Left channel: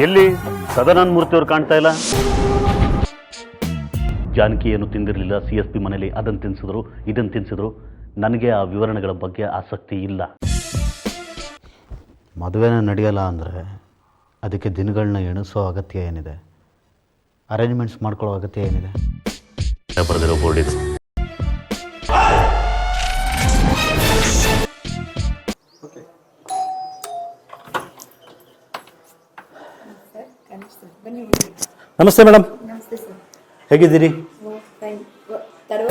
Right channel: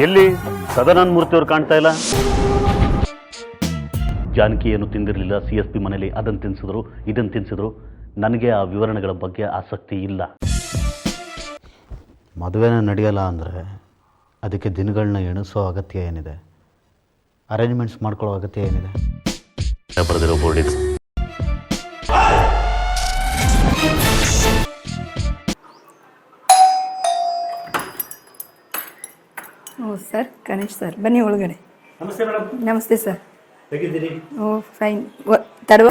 ಎಲ್ಲಿ? ಸದಾನಂದ ಮೂರ್ತಿ ಅವ್ರು ಕಾಣ್ತಾ ಇಲ್ಲ? ಜಾನಕಿ ಏನು ತಿಂದಿರಲಿಲ್ಲ ಸಿ ಎಸ್ ಪಿ ಮನೆಯಲ್ಲಿ ಅದನ್ನು ತಿನ್ಸಿದ್ರು ಇದನ್ನು ತಿನ್ಸಿದ್ರು. ನನಗೆ ಆ ವಿವರಣೆಗಳ ಬಗ್ಗೆ ಆಸಕ್ತಿ ಇಲ್ಲ. ಮದುವೆನ ನಡೆಯಲ್ಲ ಅಂದರೆ ಅದಕ್ಕೆ ದಿನಗಳನ್ನ ಎಣಿಸೋ ಅಗತ್ಯ ಏನಿದೆ? ಅರೇಂಜ್ಮೆಂಟ್ಸ್ ಮಾಡ್ಕೊಳ್ಳೋ ಅಗತ್ಯ ಏನಿದೆ? ಬರೆದಿರೋ ಬೋರ್ಡ್ ಇದು. ಓ ಸರ್ ಗಣೇಶ್ ಸರ್ ಬನ್ನಿ ಒಳಗಡೆ. ನಮಸ್ತೆ ಮೇಡಮ್. ನಮಸ್ತೆ ಸರ್. ಹೇಗಿದ್ದೀರಿ? Oh fine. ತಡವ.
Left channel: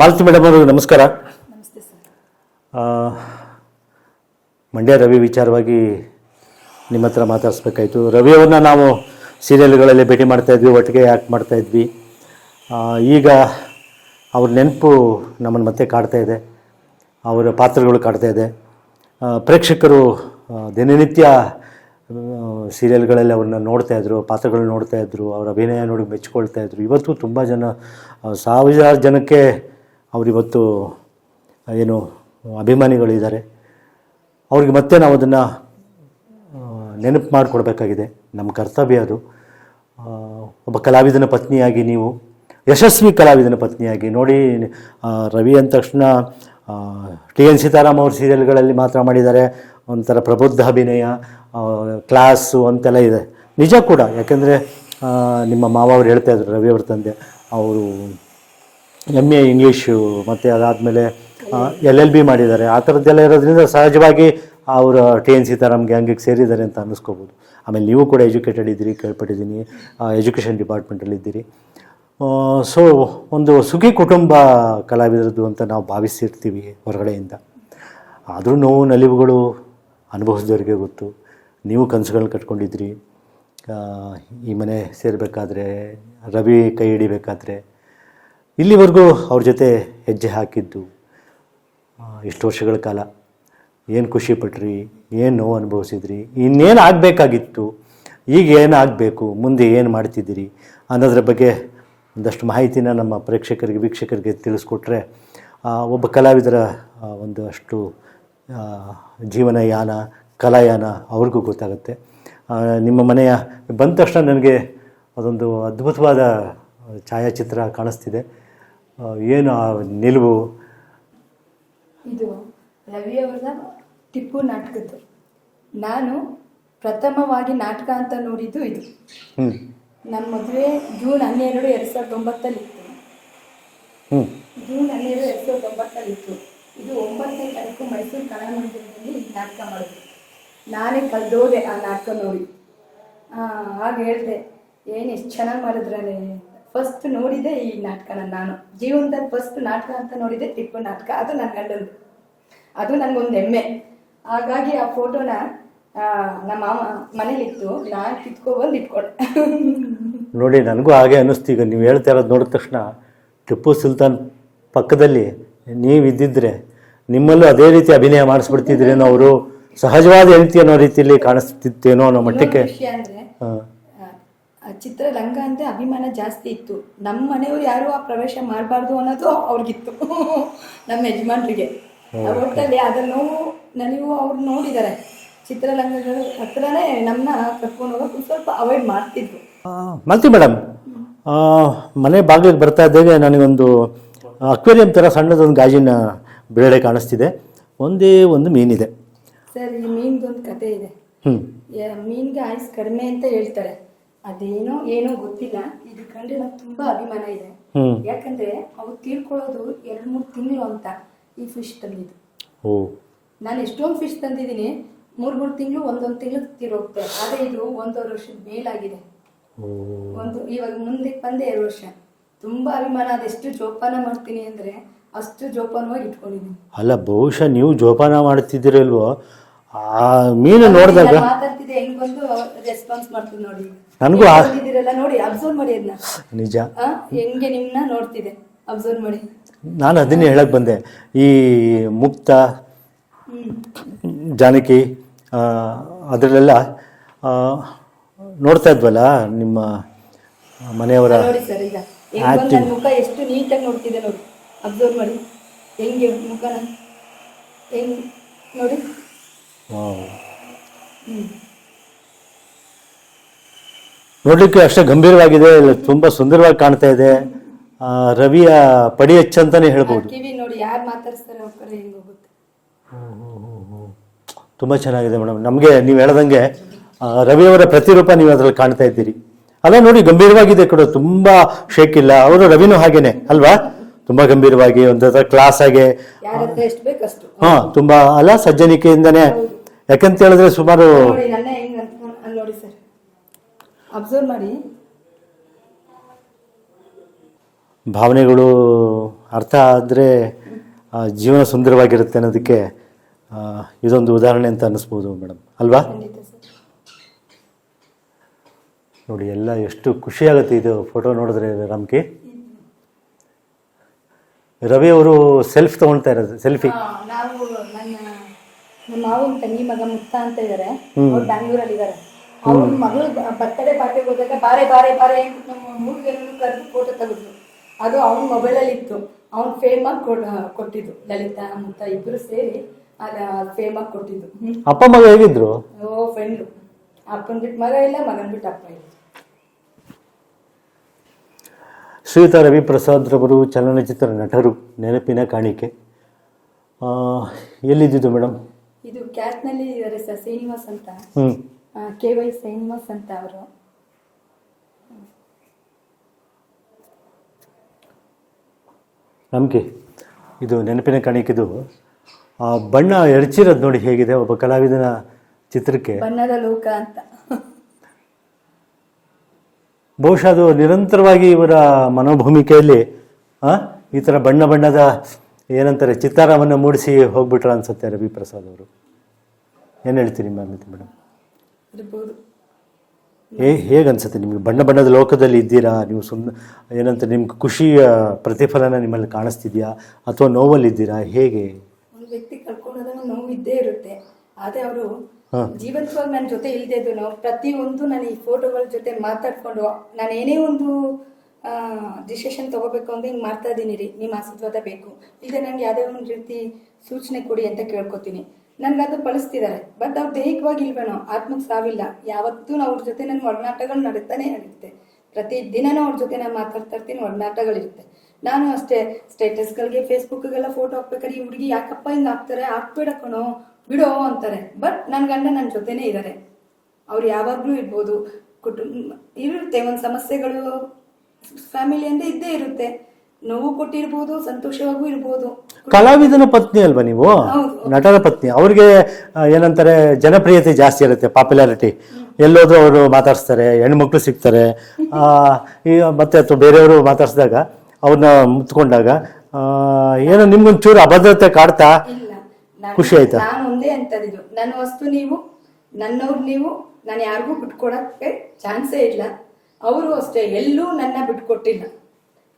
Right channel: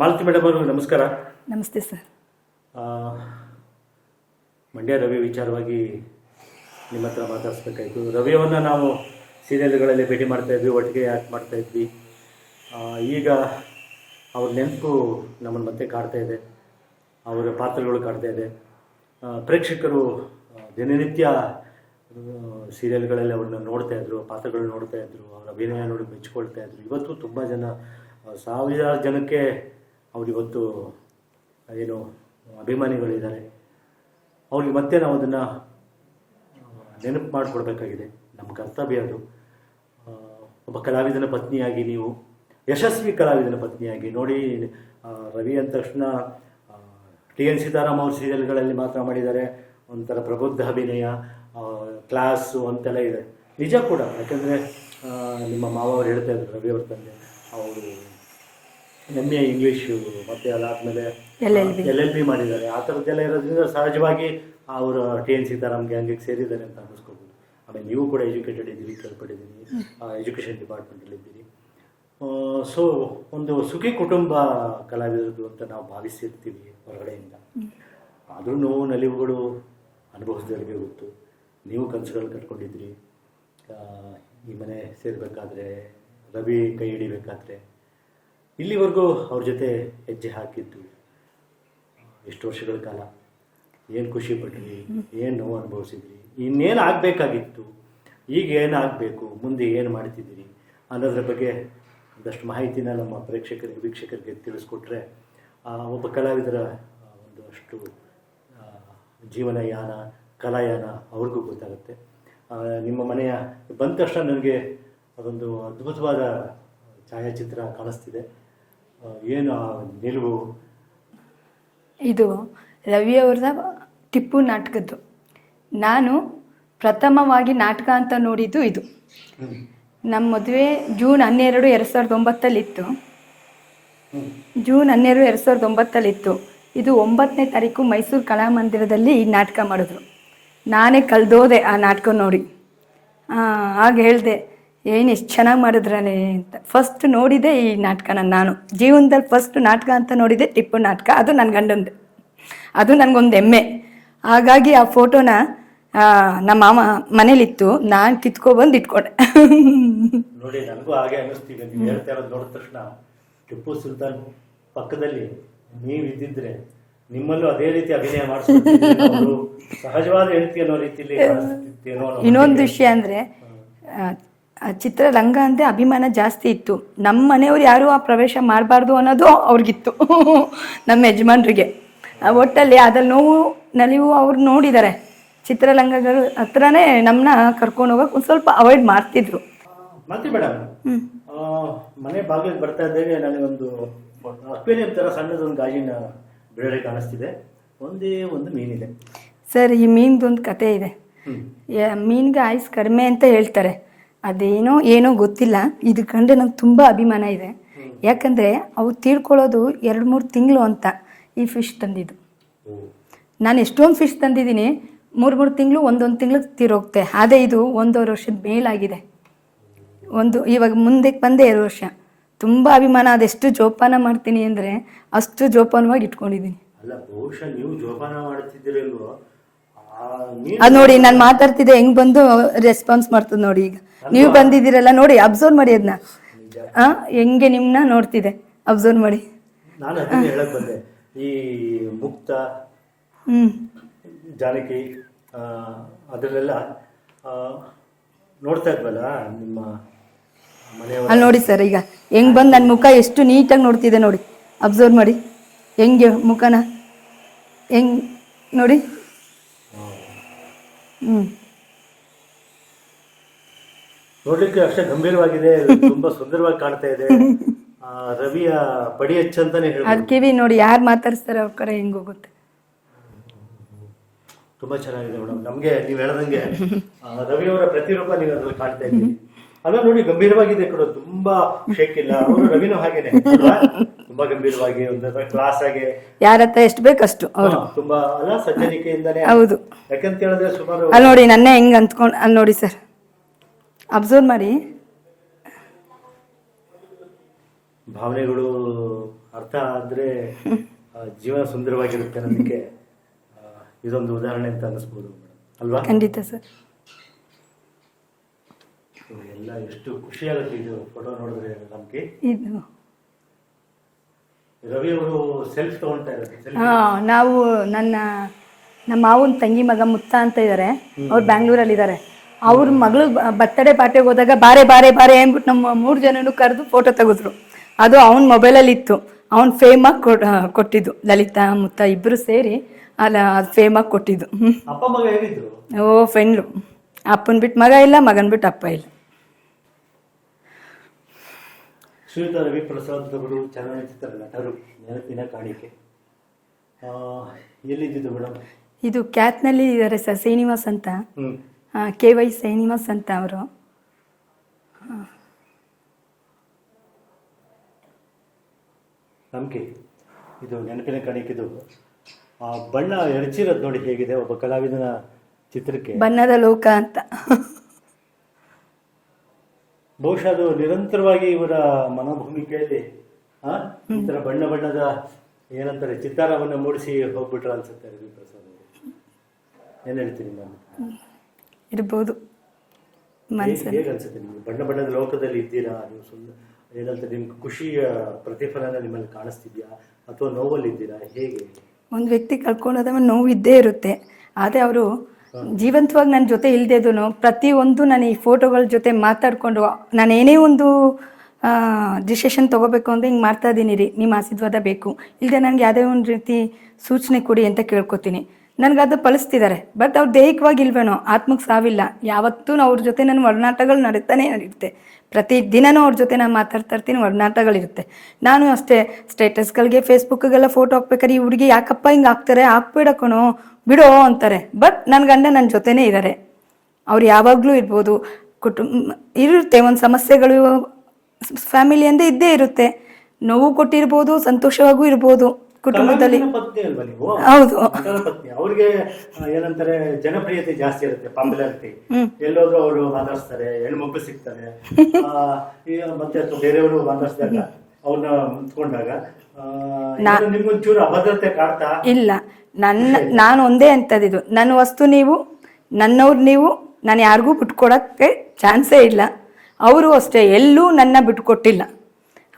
ಮಾಲತಿ ಮೇಡಮ್ ಅವರು ನಮಸ್ಕಾರ. ನಮಸ್ತೆ ಸರ್. ಮಂಡ್ಯ ರವಿ ವಿಚಾರವಾಗಿ ನಿಮ್ಮ ಹತ್ರ ಮಾತಾಡಿಸ್ಬೇಕಾಯ್ತು. ರವಿಯವ್ರನ್ನ ನಾವು ಸೀರಿಯಲ್ಗಳಲ್ಲಿ ಭೇಟಿ ಮಾಡ್ತಾ ಇದ್ವಿ ಒಟ್ಟಿಗೆ ಯಾಕೆ ಮಾಡ್ತಾ ಇದ್ವಿ. ಈಗ ಅವ್ರ ನೆನಪು ನಮ್ಮನ್ನು ಮತ್ತೆ ಕಾಡ್ತಾ ಇದೆ. ಅವರ ಪಾತ್ರಗಳು ಕಾಡ್ತಾ ಇದೆ. ಪ್ರೇಕ್ಷಕರು ದಿನನಿತ್ಯ ಸೀರಿಯಲ್ಗಳಲ್ಲಿ ಅವ್ರನ್ನ ನೋಡ್ತಾ ಇದ್ರು ಪಾತ್ರಗಳು ನೋಡ್ತಾ ಇದ್ರು ಅವರ ಅಭಿನಯ ನೋಡಿ ಮೆಚ್ಕೊಳ್ತಾ ಇದ್ರು. ಇವತ್ತು ತುಂಬ ಜನ ಸಾವಿರಾರು ಜನಕ್ಕೆ ಅವರಿವತ್ತು ಏನು, ಅಭಿಮಾನಿಗಳಿದ್ದಾರೆ. ಅವ್ರಿಗೆ ಮತ್ತೆ ನಾವು ಅದನ್ನು ನೆನಪು ಮಾಡಿಕೊಡ್ಬೇಕಾಗಿದೆ. ನಮ್ಮ ಕರ್ತವ್ಯ ಅದು. ಒಬ್ಬ ಕಲಾವಿದನ ಪತ್ನಿಯಾಗಿ ನೀವು, ಯಶಸ್ವಿ ಕಲಾವಿದನ ಪತ್ನಿಯಾಗಿ ನೋಡಿ ರವಿ ಅಂದ ತಕ್ಷಣ ಟಿ ಎನ್ ಸೀತಾರಾಮ್ ಅವ್ರ ಸೀರಿಯಲ್ಗಳಲ್ಲಿ ಮಾತ್ರ ಮಾಡಿದ್ದಾರೆ. ಒಂಥರ ಪ್ರಬುದ್ಧ ಅಭಿನಯ ಕ್ಲಾಸು ಅಂತೆಲ್ಲ ಇದೆ. ನಿಜ ಕೂಡ. ಯಾಕೆಂದರೆ ನಿಮ್ಮ ಮಾವ ಅವ್ರು ಹೇಳ್ತಾಯಿದ್ರು ರವಿ ಅವ್ರ ತಂದೆ. ಅವರು ಎಂ ಎ ಇಂಗ್ಲೀಷು ಮತ್ತು ಅದಾದಮೇಲೆ ಎಲ್ ಎಲ್ ಬಿ ಮಾಡಿದ್ದಾರೆ. ಆ ಥರದ್ದೆಲ್ಲ ಇರೋದ್ರಿಂದ ಸಹಜವಾಗಿ ಅವರು ಟಿ ಎನ್ ಸೀತಾರಾಮ್ ಗ್ಯಾಂಗಿಗೆ ಸೇರಿದ್ದಾರೆ ಅಂತ ಅನ್ನಿಸ್ಕೋಬೋದು. ಆಮೇಲೆ ನೀವು ಕೂಡ ಎಜುಕೇಟೆಡ್ ಇದ್ದೀರಿ ಕೇಳ್ಪಟ್ಟಿದ್ದೀನಿ. ಎಜುಕೇಷನ್ ಡಿಪಾರ್ಟ್ಮೆಂಟಲ್ಲಿದ್ದೀರಿ ಸೊ ಒಂದು ಸುಖಿ ಕುಟುಂಬ ಕಲಾವಿದರದ್ದು ಅಂತ ನಾವು ಭಾವಿಸಿರ್ತೀವಿ ಹೊರಗಡೆಯಿಂದ. ಆದರೂ ನೋವು ನಲಿವುಗಳು ಅನುಭವಿಸಿದವರಿಗೆ ಗೊತ್ತು. ನೀವು ಕನಸುಗಳನ್ನ ಕಟ್ಕೊಂಡಿದ್ರಿ ಈ ಮನೆ ಸೇರಬೇಕಾದ್ರೆ ರವಿ ಕೈ ಹಿಡಿಬೇಕಾದ್ರೆ ಇಲ್ಲಿವರೆಗೂ ಅವ್ರ ಜೊತೆ ಹೆಜ್ಜೆ ಹಾಕಿದ್ದು ಎಷ್ಟು ವರ್ಷಗಳ ಕಾಲ. ಏನು ಖುಷಿ ಪಟ್ರಿ, ಏನು ನೋವು ಅನುಭವಿಸಿದ್ರಿ, ಇನ್ನೇನು ಆಗಬೇಕಾಗಿತ್ತು, ಈಗ ಏನಾಗಬೇಕು ಮುಂದೆ ಏನು ಮಾಡ್ತಿದ್ದೀರಿ ಅನ್ನೋದ್ರ ಬಗ್ಗೆ ಒಂದಷ್ಟು ಮಾಹಿತಿನ ನಮ್ಮ ಪ್ರೇಕ್ಷಕರಿಗೆ, ವೀಕ್ಷಕರಿಗೆ ತಿಳಿಸ್ಕೊಟ್ರೆ ಒಬ್ಬ ಕಲಾವಿದರ ಒಂದು ಅಷ್ಟು ಜೀವನಯಾನ ಯಾನ ಕಲಾಯಾನ ಅವ್ರಿಗೂ ಗೊತ್ತಾಗುತ್ತೆ. ನಿಮ್ಮ ಮನೆಯ ಬಂದ ತಕ್ಷಣ ನನಗೆ ಅದೊಂದು ಅದ್ಭುತವಾದ ಛಾಯಾಚಿತ್ರ ಕಾಣಿಸ್ತಿದೆ. ಏನು ಆ ನಿಲುವು? ಇದು ರವಿ ಅವ್ರದ ಟಿಪ್ಪು ನಾಟಕದ್ದು. ನಾನು ಪ್ರಥಮವಾಗಿ ನಾಟಕ ಅಂತ ನೋಡಿದ್ದು ಇದು. ಹ್ಞೂ ನಮ್ಮ ಮದುವೆ ಜೂನ್ ಹನ್ನೆರಡು ಎರಡು ಸಾವಿರದ ಒಂಬತ್ತಲ್ಲಿತ್ತು. ಹ್ಞೂ ಜೂನ್ ಹನ್ನೆರಡು ಎರಡು ಸಾವಿರದ ಒಂಬತ್ತಲ್ಲಿತ್ತು. ಇದು ಒಂಬತ್ತನೇ ತಾರೀಕು ಮೈಸೂರು ಕಲಾಮಂದಿರದಲ್ಲಿ ಈ ನಾಟಕ ಮಾಡಿದ್ರು. ನಾನೇ ಕಳೆದೋದೆ ಆ ನಾಟಕ ನೋಡಿ. ಹಾಗೆ ಹೇಳಿದೆ. ಏನು ಎಷ್ಟು ಚೆನ್ನಾಗಿ ಮಾಡಿದ್ರೇ ಅಂತ. ಫಸ್ಟ್ ನೋಡಿದೆ ಈ ನಾಟಕನ ನಾನು. ಜೀವನದಲ್ಲಿ ಫಸ್ಟ್ ನಾಟಕ ಅಂತ ನೋಡಿದೆ ಟಿಪ್ಪು ನಾಟಕ. ಅದು ನನ್ನ ಗಂಡಂದು. ಅದು ನನಗೊಂದು ಹೆಮ್ಮೆ. ಹಾಗಾಗಿ ಆ ಫೋಟೋನ ಆ, ನಮ್ಮ ಮಾಮ ಮನೇಲಿತ್ತು. ನಾನು ಕಿತ್ಕೊಬಂದು ಇಟ್ಕೊಂಡೆ. ನೋಡಿ ನನಗೂ ಹಾಗೆ ಅನ್ನಿಸ್ತು. ಈಗ ನೀವು ಹೇಳ್ತಾ ಇರೋದು ನೋಡಿದ ತಕ್ಷಣ ಟಿಪ್ಪು ಸುಲ್ತಾನ್ ಪಕ್ಕದಲ್ಲಿ ನೀವು ಇದ್ದಿದ್ರೆ ನಿಮ್ಮಲ್ಲೂ ಅದೇ ರೀತಿ ಅಭಿನಯ ಮಾಡಿಸ್ಬಿಡ್ತಿದ್ರೆ ಅವರು ಸಹಜವಾದ ಹೆಂಡತಿ ಅನ್ನೋ ರೀತಿಯಲ್ಲಿ ಕಾಣಿಸ್ತಿತ್ತೇನೋ ಅನ್ನೋ ವಿಷಯ ಅಂದ್ರೆ ಚಿತ್ರರಂಗ ಅಂದರೆ ಅಭಿಮಾನ ಜಾಸ್ತಿ ಇತ್ತು. ನಮ್ಮ ಮನೆಯವ್ರು ಯಾರು ಆ ಪ್ರವೇಶ ಮಾಡಬಾರ್ದು ಅನ್ನೋದು ಅವ್ರಿಗಿತ್ತು. ನಮ್ಮ ಯಜಮಾನ್ರಿಗೆ. ಒಟ್ಟಲ್ಲಿ ಅದ್ರ ನೋವು ನಲಿವು ಅವ್ರು ನೋಡಿದ್ದಾರೆ ಚಿತ್ರರಂಗಗಳ ಹತ್ರನೇ ನಮ್ಮನ್ನ ಕರ್ಕೊಂಡು ಹೋಗಕ್ಕೆ ಒಂದು ಸ್ವಲ್ಪ ಅವಾಯ್ಡ್ ಮಾಡ್ತಿದ್ರು. ಮಲ್ತಿ ಮೇಡಮ್. ಮನೆ ಬಾಗಿಲಿಗೆ ಬರ್ತಾ ಇದ್ದೇವೆ. ನನಗೊಂದು ಅಕ್ವೇರಿಯಂ ಥರ ಸಣ್ಣದೊಂದು ಗಾಜಿನ ಬೇಳೆ ಕಾಣಿಸ್ತಿದೆ. ಒಂದೇ ಒಂದು ಮೀನಿದೆ. ಸರ್ ಈ ಮೀನ್ದೊಂದು ಕತೆ ಇದೆ. ಮೀನ್ಗೆ ಆಯ್ಸ್ ಕಡಿಮೆ ಅಂತ ಹೇಳ್ತಾರೆ. ಅದೇನೋ ಏನೋ ಗೊತ್ತಿಲ್ಲ. ಇದು ಕಂಡ್ರೆ ನಂಗೆ ತುಂಬಾ ಅಭಿಮಾನ ಇದೆ. ಯಾಕಂದ್ರೆ ಅವು ತೀರ್ಕೊಳ್ಳೋದು ಎರಡ್ ಮೂರ್ ತಿಂಗಳು ಅಂತ ಈ ಫಿಶ್ ತಂದಿದ್ದು. ಓ. ನಾನು ಎಷ್ಟೊಂದು ಫಿಶ್ ತಂದಿದ್ದೀನಿ ಮೂರು ಮೂರು ತಿಂಗಳು ಒಂದೊಂದು ತಿಂಗಳು ತೀರೋಗ್ತೆ. ಅದೇ ಇದು ಒಂದೂವರೆ ವರ್ಷದ ಮೇಲಾಗಿದೆ. ಒಂದು ಇವಾಗ ಮುಂದೆ ಬಂದೆ ಎರಡು ವರ್ಷ. ತುಂಬಾ ಅಭಿಮಾನ ಅದೆಷ್ಟು ಜೋಪಾನ ಮಾಡ್ತೀನಿ ಅಂದ್ರೆ ಅಷ್ಟು ಜೋಪಾನವಾಗಿ ಇಟ್ಕೊಂಡಿದ್ದೀನಿ. ಅಲ್ಲ ಬಹುಶಃ ನೀವು ಜೋಪಾನ ಮಾಡ್ತಿದ್ದೀರಲ್ವೋ? ಆ ಮೀನು ಅದ್ ನೋಡಿ ನಾನು ಮಾತಾಡ್ತಿದ್ದೆ ಹೆಂಗ್ ಬಂದು ರೆಸ್ಪಾನ್ಸ್ ಮಾಡ್ತದೆ ನೋಡಿ ಈಗ. ನನ್ಗೂ ನೀವು ಆ- ಬಂದಿದ್ದೀರಲ್ಲ ನೋಡಿ ಅಬ್ಸರ್ವ್ ಮಾಡಿ ಅದನ್ನ ನಿಜ. ಹೆಂಗೆ ನಿಮ್ನ ನೋಡ್ತಿದೆ ಅಬ್ಸರ್ವ್ ಮಾಡಿ. ನಾನು ಅದನ್ನೇ ಹೇಳಕ್ ಬಂದೆ. ಈ ಮುಕ್ತ ಹ್ಮ್. ಜಾನಕಿ ಆ, ಅದರಲ್ಲೆಲ್ಲ ಆ, ನೋಡ್ತಾ ಇದ್ವಲ್ಲ ನಿಮ್ಮ ಮನೆಯವರ ಅಲ್ಲಿ ನೋಡಿ ಸರ್ ಈಗ ಹೆಂಗ್ ಬಂದು ನನ್ನ ಮುಖ ಎಷ್ಟು ನೀಟಾಗಿ ನೋಡ್ತಿದೆ ನೋಡಿ. ಅಬ್ಸರ್ವ್ ಮಾಡಿ. ಹೆಂಗೆ ಮುಖನ? ಹೆಂಗ್ ನೋಡಿ. ನೋಡ್ಲಿಕ್ಕೆ ಅಷ್ಟೇ ಗಂಭೀರವಾಗಿದೆ ತುಂಬಾ ಸುಂದರವಾಗಿ ಕಾಣ್ತಾ ಇದೆ. ಆ, ರವಿಯ ಪಡಿ ಹೆಚ್ಚ ಅಂತಾನೆ ಹೇಳ್ಬೋದು. ಕಿವಿ ನೋಡಿ ಯಾರು ಮಾತಾಡಿಸ್ತಾರೆ ಅವ್ರ ಕಡೆ ಹೆಂಗ್ ಹೋಗುತ್ತೆ. ತುಂಬಾ ಚೆನ್ನಾಗಿದೆ ಮೇಡಮ್. ನಮಗೆ ನೀವು ಹೇಳ್ದಂಗೆ ರವಿಯವರ ಪ್ರತಿರೂಪ ನೀವು ಅದ್ರಲ್ಲಿ ಕಾಣ್ತಾ ಇದ್ದೀರಿ. ಅಲ್ಲ ನೋಡಿ ಗಂಭೀರವಾಗಿದೆ ಕೂಡ ತುಂಬಾ ಶೇಕ್ ಇಲ್ಲ. ಅವರು ರವಿನು ಹಾಗೇನೆ ಅಲ್ವಾ? ತುಂಬಾ ಗಂಭೀರವಾಗಿ ಒಂದ್ ಕ್ಲಾಸ್ ಆಗಿ. ಯಾರ ಹತ್ರ ಎಷ್ಟು ಬೇಕಷ್ಟು. ಹಾ ತುಂಬಾ ಅಲ್ಲ ಸಜ್ಜನಿಕೆಯಿಂದನೇ. ಹೌದು. ಯಾಕಂತ ಹೇಳಿದ್ರೆ ಸುಮಾರು ಅಲ್ಲಿ ನೋಡಿ ನನ್ನೇ ಹೆಂಗ್ ಅಂದ್ಕೊಂಡು ಅಲ್ಲಿ ನೋಡಿ ಸರ್. ಅಬ್ಸರ್ವ್ ಮಾಡಿ. ಭಾವನೆಗಳು ಅರ್ಥ ಆದ್ರೆ ಆ, ಜೀವನ ಸುಂದರವಾಗಿರುತ್ತೆ ಅನ್ನೋದಕ್ಕೆ ಆ, ಇದೊಂದು ಉದಾಹರಣೆ ಅಂತ ಅನ್ನಿಸ್ಬೋದು ಮೇಡಮ್. ಅಲ್ವಾ? ಖಂಡಿತ ಸರ್. ನೋಡಿ ಎಲ್ಲ ಎಷ್ಟು ಖುಷಿಯಾಗುತ್ತೆ ಇದು ಫೋಟೋ ನೋಡಿದ್ರೆ ರಾಮ್ಕಿ ಇದು. ರವಿ ಅವರು ಸೆಲ್ಫ್ ತಗೊಳ್ತಾ ಇರೋದು ಸೆಲ್ಫಿ. ಹಾ ನಾವು ನನ್ನ ನಮ್ಮ ಮಾವನ ತಂಗಿ ಮಗ ಮುತ್ತ ಅಂತ ಇದ್ದಾರೆ ಅವ್ರು ಬ್ಯಾಂಗ್ಳೂರಲ್ಲಿ ಇದ್ದಾರೆ ಅವ್ರ ಮಗಳು ಬರ್ತಡೇ ಪಾರ್ಟಿಗೆ ಹೋದಾಗ ಬಾರೆ ಬಾರೆ ಬಾರೆ ಅಂದ್ಬಿಟ್ಟು ನಮ್ಮ ಮೂರು ಜನನು ಕರೆದು ಫೋಟೋ ತೆಗೆದ್ರು. ಅದು ಅವನ ಮೊಬೈಲಲ್ಲಿ ಇತ್ತು. ಅವ್ನು ಫೇಮಾಗಿ ಕೊಟ್ಟಿದ್ದು. ಲಲಿತಾ ಮುತ್ತ ಇಬ್ಬರು ಸೇರಿ ಅಲ್ಲ ಆಗಿ ಕೊಟ್ಟಿದ್ದು. ಅಪ್ಪ ಮಗ ಹೇಗಿದ್ರು? ಓ ಫ್ರೆಂಡ್ರು ಅಪ್ಪನ ಬಿಟ್ಟು ಮಗ ಇಲ್ಲ ಮಗನ ಬಿಟ್ಟು ಅಪ್ಪ ಇಲ್ಲ. ಶ್ರೀಯುತ ರವಿ ಪ್ರಸಾದ್ ರವರು ಚಲನಚಿತ್ರ ನಟರು ನೆನಪಿನ ಕಾಣಿಕೆ. ಎಲ್ಲಿದ್ದಿದ್ದು ಮೇಡಮ್ ಇದು ಕ್ಯಾತ್ನಲ್ಲಿ ಇದ್ದಾರೆ ಸರ್ ಶ್ರೀನಿವಾಸ್ ಅಂತ. ಕೆ ವೈ ಶ್ರೀನಿವಾಸ್ ಅಂತ ಅವರು. ನಮಗೆ ಇದು ನೆನಪಿನ ಕಾಣಿಕೆದು. ಬಣ್ಣ ಎರಚಿರೋದು ನೋಡಿ ಹೇಗಿದೆ ಒಬ್ಬ ಕಲಾವಿದನ ಚಿತ್ರಕ್ಕೆ. ಬಣ್ಣದ ಲೋಕ ಅಂತ. ಬಹುಶಃ ಅದು ನಿರಂತರವಾಗಿ ಇವರ ಮನೋಭೂಮಿಕೆಯಲ್ಲಿ ಈ ಥರ ಬಣ್ಣ ಬಣ್ಣದ ಏನಂತಾರೆ ಚಿತ್ತಾರವನ್ನು ಮೂಡಿಸಿ ಹೋಗ್ಬಿಟ್ರ ಅನ್ಸುತ್ತೆ ರವಿ ಪ್ರಸಾದ್ ಅವರು. ಏನು ಹೇಳ್ತೀರಿ ಮ್ಯಾಮ್ ಇದು ಮೇಡಮ್? ಇರ್ಬೋದು. ಹೇಗೆ ಅನ್ಸುತ್ತೆ ನಿಮಗೆ? ಬಣ್ಣ ಬಣ್ಣದ ಲೋಕದಲ್ಲಿ ಇದ್ದೀರಾ? ನೀವು ಸುಮ್ಮನೆ ಏನಂತ ನಿಮ್ಗೆ ಖುಷಿಯ ಪ್ರತಿಫಲನ ನಿಮ್ಮಲ್ಲಿ ಕಾಣಿಸ್ತಿದ್ಯಾ? ಅಥವಾ ನೋವಲ್ಲಿದ್ದೀರಾ? ಹೇಗೆ? ಒಂದು ವ್ಯಕ್ತಿ ಕಳ್ಕೊಳ್ಳೋದವ ನೋವು ಇದ್ದೇ ಇರುತ್ತೆ. ಆದರೆ ಅವರು ಜೀವಂತವಾಗಿ ನನ್ನ ಜೊತೆ ಇಲ್ದೇದೂ ಪ್ರತಿಯೊಂದು ನಾನು ಈ ಫೋಟೋಗಳ ಜೊತೆ ಮಾತಾಡಿಕೊಂಡು, ನಾನು ಏನೇ ಒಂದು ಡಿಸಿಷನ್ ತೊಗೋಬೇಕು ಅಂದರೆ ಹಿಂಗೆ ಮಾಡ್ತಾ ಇದ್ದೀನಿ ರೀ ನಿಮ್ಮ ಆಶೀರ್ವಾದ ಬೇಕು. ಇಲ್ಲದೆ ನನಗೆ ಯಾವುದೇ ಒಂದು ರೀತಿ ಸೂಚನೆ ಕೊಡಿ ಅಂತ ಕೇಳ್ಕೊತೀನಿ. ನನಗದು ಫಲಿಸ್ತಿದ್ದಾರೆ ಬಟ್ ಅವ್ರು ದೈಹಿಕವಾಗಿ ಇಲ್ವೇನೋ ಆತ್ಮಕ್ಕೆ ಸಾವಿಲ್ಲ. ಯಾವತ್ತೂ ಅವ್ರ ಜೊತೆ ನನ್ನ ಒಡನಾಟಗಳು ನಡೀತಾನೆ ಇರುತ್ತೆ ಪ್ರತಿ ದಿನನೂ ಅವ್ರ ಜೊತೆ ನಾನು ಮಾತಾಡ್ತಾ ಇರ್ತೀನಿ ಒಡನಾಟಗಳಿರುತ್ತೆ ನಾನು ಅಷ್ಟೇ ಸ್ಟೇಟಸ್ಗಳಿಗೆ ಫೇಸ್ಬುಕ್ಗೆಲ್ಲ ಫೋಟೋ ಹಾಕ್ಬೇಕಾದ್ರೆ ಈ ಹುಡುಗಿ ಯಾಕಪ್ಪ ಹಿಂಗೆ ಹಾಕ್ತಾರೆ, ಹಾಕ್ಬೇಡ ಕಣೋ. ಬಿಡೋ ಅಂತಾರೆ. ಬಟ್ ನನ್ನ ಗಂಡ ನನ್ನ ಜೊತೆನೇ ಇದ್ದಾರೆ ಅವ್ರು ಯಾವಾಗಲೂ ಇರ್ಬೋದು. ಕುಟುಂಬ ಇರುತ್ತೆ ಒಂದು ಸಮಸ್ಯೆಗಳು ಫ್ಯಾಮಿಲಿ ಅಂದೇ ಇದ್ದೇ ಇರುತ್ತೆ. ನೋವು ಕೊಟ್ಟಿರ್ಬೋದು ಸಂತೋಷವಾಗೂ ಇರ್ಬೋದು ಕಲಾವಿದನ ಪತ್ನಿ ಅಲ್ವಾ ನೀವು? ಹೌದು. ನಟನ ಪತ್ನಿ. ಅವ್ರಿಗೆ ಏನಂತಾರೆ ಜನಪ್ರಿಯತೆ ಜಾಸ್ತಿ ಇರುತ್ತೆ ಪಾಪ್ಯುಲಾರಿಟಿ ಎಲ್ಲೋದ್ರು ಅವರು ಮಾತಾಡಿಸ್ತಾರೆ ಹೆಣ್ಮಕ್ಳು ಸಿಗ್ತಾರೆ. ಆ, ಮತ್ತೆ ಅಥವಾ ಬೇರೆಯವರು ಮಾತಾಡಿಸಿದಾಗ ಅವ್ರನ್ನ ಮುತ್ಕೊಂಡಾಗ ಏನೋ ನಿಮ್ಗೊಂಚೂರು ಅಭದ್ರತೆ ಕಾಡ್ತಾ? ಇಲ್ಲ. ನನ್ನ ಆಯ್ತಾ? ನಾನು ಒಂದೇ ಅಂತದಿದ್ದು ನನ್ನ ವಸ್ತು ನೀವು ನನ್ನವ್ರು ನೀವು ನಾನು ಯಾರಿಗೂ ಬಿಟ್ಕೊಡಕ್ಕೆ ಚಾನ್ಸೇ ಇಲ್ಲ. ಅವರು ಅಷ್ಟೇ ಎಲ್ಲೂ ನನ್ನ ಬಿಟ್ಕೊಟ್ಟಿಲ್ಲ.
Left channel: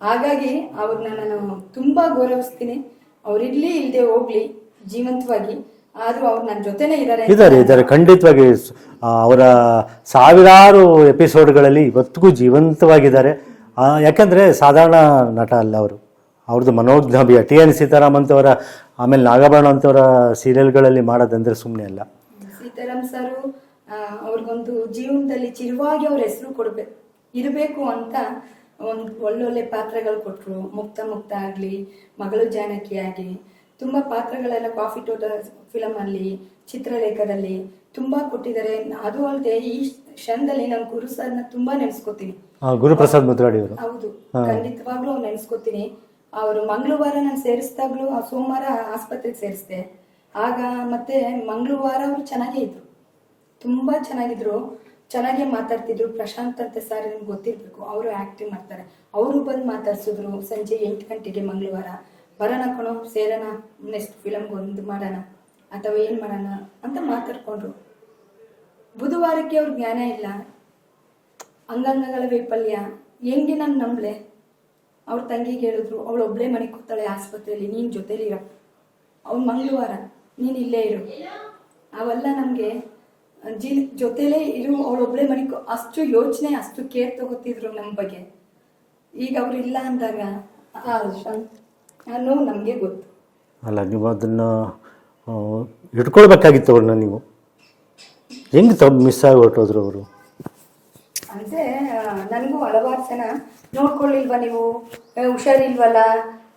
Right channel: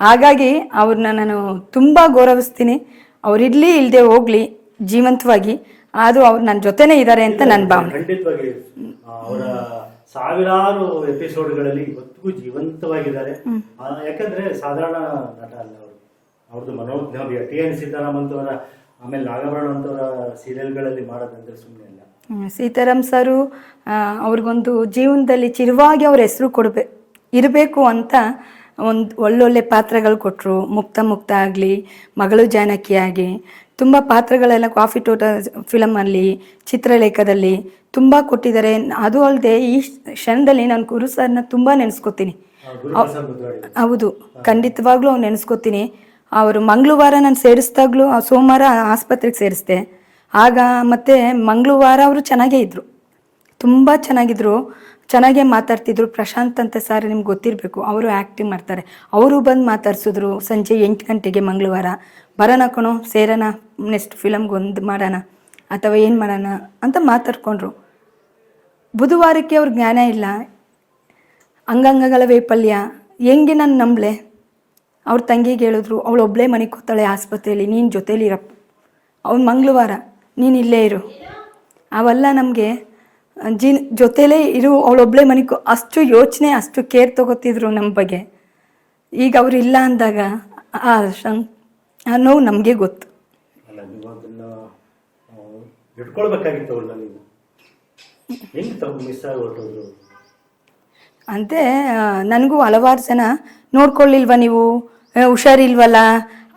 ಹಾಗಾಗಿ ಅವ್ರನ್ನ ನಾನು ತುಂಬ ಗೌರವಿಸ್ತೀನಿ. ಅವ್ರಿರ್ಲಿ ಇಲ್ಲದೆ ಹೋಗ್ಲಿ ಜೀವಂತವಾಗಿ. ಆದರೂ ಅವ್ರು ನನ್ನ ಜೊತೆನೇ ಇದ್ದಾರೆ ಅಂತ ಇದ್ದಾರೆ ನನ್ನ ಇದ್ದಾರೆ ಖಂಡಿತವಾಗಿ. ಅವರ ಸಾವಿರಾರು ಎಪಿಸೋಡ್ಗಳಲ್ಲಿ ಇವತ್ತಿಗೂ ಜೀವಂತವಾಗಿದ್ದಾರೆ. ಆ, ಯಾಕಂದ್ರೆ ಸಾಧಾರಣ ನಟ ಅಲ್ಲ ಅವರು. ಅವ್ರದ್ದು ಮನೋಜ್ಞಾಭಿಯ ಟಿ ಎನ್ ಸೀತಾರಾಮ್ ಅಂತವರ ಆಮೇಲೆ ನಾಗಭರಣ ಅಂತವರ ಸೀರಿಯಲ್ಗಳಲ್ಲಿ ಮಾಡೋದಂದ್ರೆ ಸುಮ್ಮನೆ ಅಲ್ಲ. ಸೀತಾರಾಮ್ ಸರು ಅವ್ರಿಗೊಂದು ಜೀವನದಲ್ಲಿ ಚಿರುವಾಗಿ ಅವ್ರ ಹೆಸರು ಕೊಡ್ಬೇಕು ಇರಬೇಕು ಅಂತ ಒಂದು ಒಳ್ಳೊಳ್ಳೆ ಪಾತ್ರಗಳು ಕೊಟ್ಟರು ಮುಕ್ತ ಮುಕ್ತ ಆಗಲಿ ಮಗಳು ಜಾನಕಿ ಆಗಿ ತುಂಬ ಪಾತ್ರಗಳೆಲ್ಲ ಕಾಫಿ ತೋಟ ಫಿಲಮಲ್ಲಿ ಚಿತ್ರಲೇಖದಲ್ಲಿ ತುಂಬ ಕೊಟ್ಟಿದ್ದಾರೆ. ಅದು ಅಲ್ಲದೆ ಈ ಕ್ಷಣದಲ್ಲಿ ನಾನು ಗುರು ಸರ್ನ ತುಂಬ ನೆನೆಸ್ಕೋತೀನಿ. ಹೌದು ಖಂಡಿತವಾಗ್ಲೂ ಅವ್ನು ನೆನೆಸ್ಕೊತೀನಿ. ಅವರು ಮಂಗಳವಾರ ನಾನು ಸೇರಿಸಿದಾಗಲೂ ಆ ಸೋಮವಾರ ಆಸ್ಪತ್ರೆಗೆ ಸೇರಿಸ್ದೆ. ಆಗ ಮತ್ತೆ ಮಂಗಳವಾರ ಅವರು ಚೆನ್ನಾಗೇ ಇದ್ರು. ತುಂಬ ಚೆನ್ನಾಗಿದ್ರು. ಚೆನ್ನಾಗೇ ಮಾತಾಡ್ತಿದ್ರು. ಪ್ರಶಾಂತ್ ಅಂತ ಸರ್ ನಿಮ್ಗೆ ಗೊತ್ತಿರಬೇಕು. ಅವರು ಆ್ಯಕ್ಟಿಂಗ್ ಮಾಡ್ತಾರೆ. ಅವರು ಬಂದು ಮಾತಾಡ್ಸಿದ್ರು ಸಂಜೆ ಎಂಟು ಗಂಟೆಗೆ ಮಂಗಳವಾರ. ಬರೋಣ ಕಣೋ, ಸೇರೋಣ ನೆಕ್ಸ್ಟ್ ಫಿಲಮ್ಗೆ ಒಂದು ಮಾಡೋಣ ಅಥವಾ ಏನು ಮಾಡೋಣ ಅಂತ ಮಾತಾಡ್ಕೊಂಡ್ರು. ಬುಧವಾರಕ್ಕೆ ಅವ್ರ ಜ್ಞಾನ ಇಲ್ಲ. ಅಂಗಾಂಗಗಳ ವೈಫಲ್ಯ. ಹೆಂಗೆ ನಾನು ನಂಬಲೆ? ಅವ್ರ ತಂಗಿಗೆ ಹೇಳಿದ್ರು ಅವಳು ಒಬ್ಬಳೇ ಮನೆಗೆ ಕೂತಾಳೆ ಆಸ್ಪತ್ರೆಯಲ್ಲಿ ನೀನು ಜೊತೇಲಿ ಇರಪ್ಪ. ಅವ್ನು ಮಂಗಳವಾರ ನೀನು ಇಲ್ಲೇ ಇರು. ಅವೆಲ್ಲ ನಮಗೆ ಜೀನ್ ಜೊತೇಲೇ ಇರು ಅವಳೊಬ್ಬಳೇ ಮನೆಗೆ ಅಷ್ಟು ಯೋಚನೆ ಅಷ್ಟು ಕೇರ್ ತಗೋತಿದ್ರು ನಮ್ಮ ಬಗ್ಗೆ. ಈಗ ಅವ್ರು ಇಲ್ಲ ಅಂದಾಗ ಆ ಆ ನೋವು ನಮಗೆ ಗೊತ್ತು. ಅಲ್ಲ ನೀವು ಅದನ್ನು ಇಟ್ಕೊಳ್ಬೇಕಾಗಿತ್ತು ಅವ್ರನ್ನ ನೀವು. ಹೆಂಗೆ ಮಿಸ್ ಆಗಿ ಹೊರಟೋದ್ರು ಅವರು? ಅಂತೆ ನನಗೂ ಹಲವಾರು ಜನ ನೋಡ್ಕೊಳ್ಳಿಲ್ವಾ ನೀವು? ಹುಷಾರಿಲ್ವಲ್ಲ?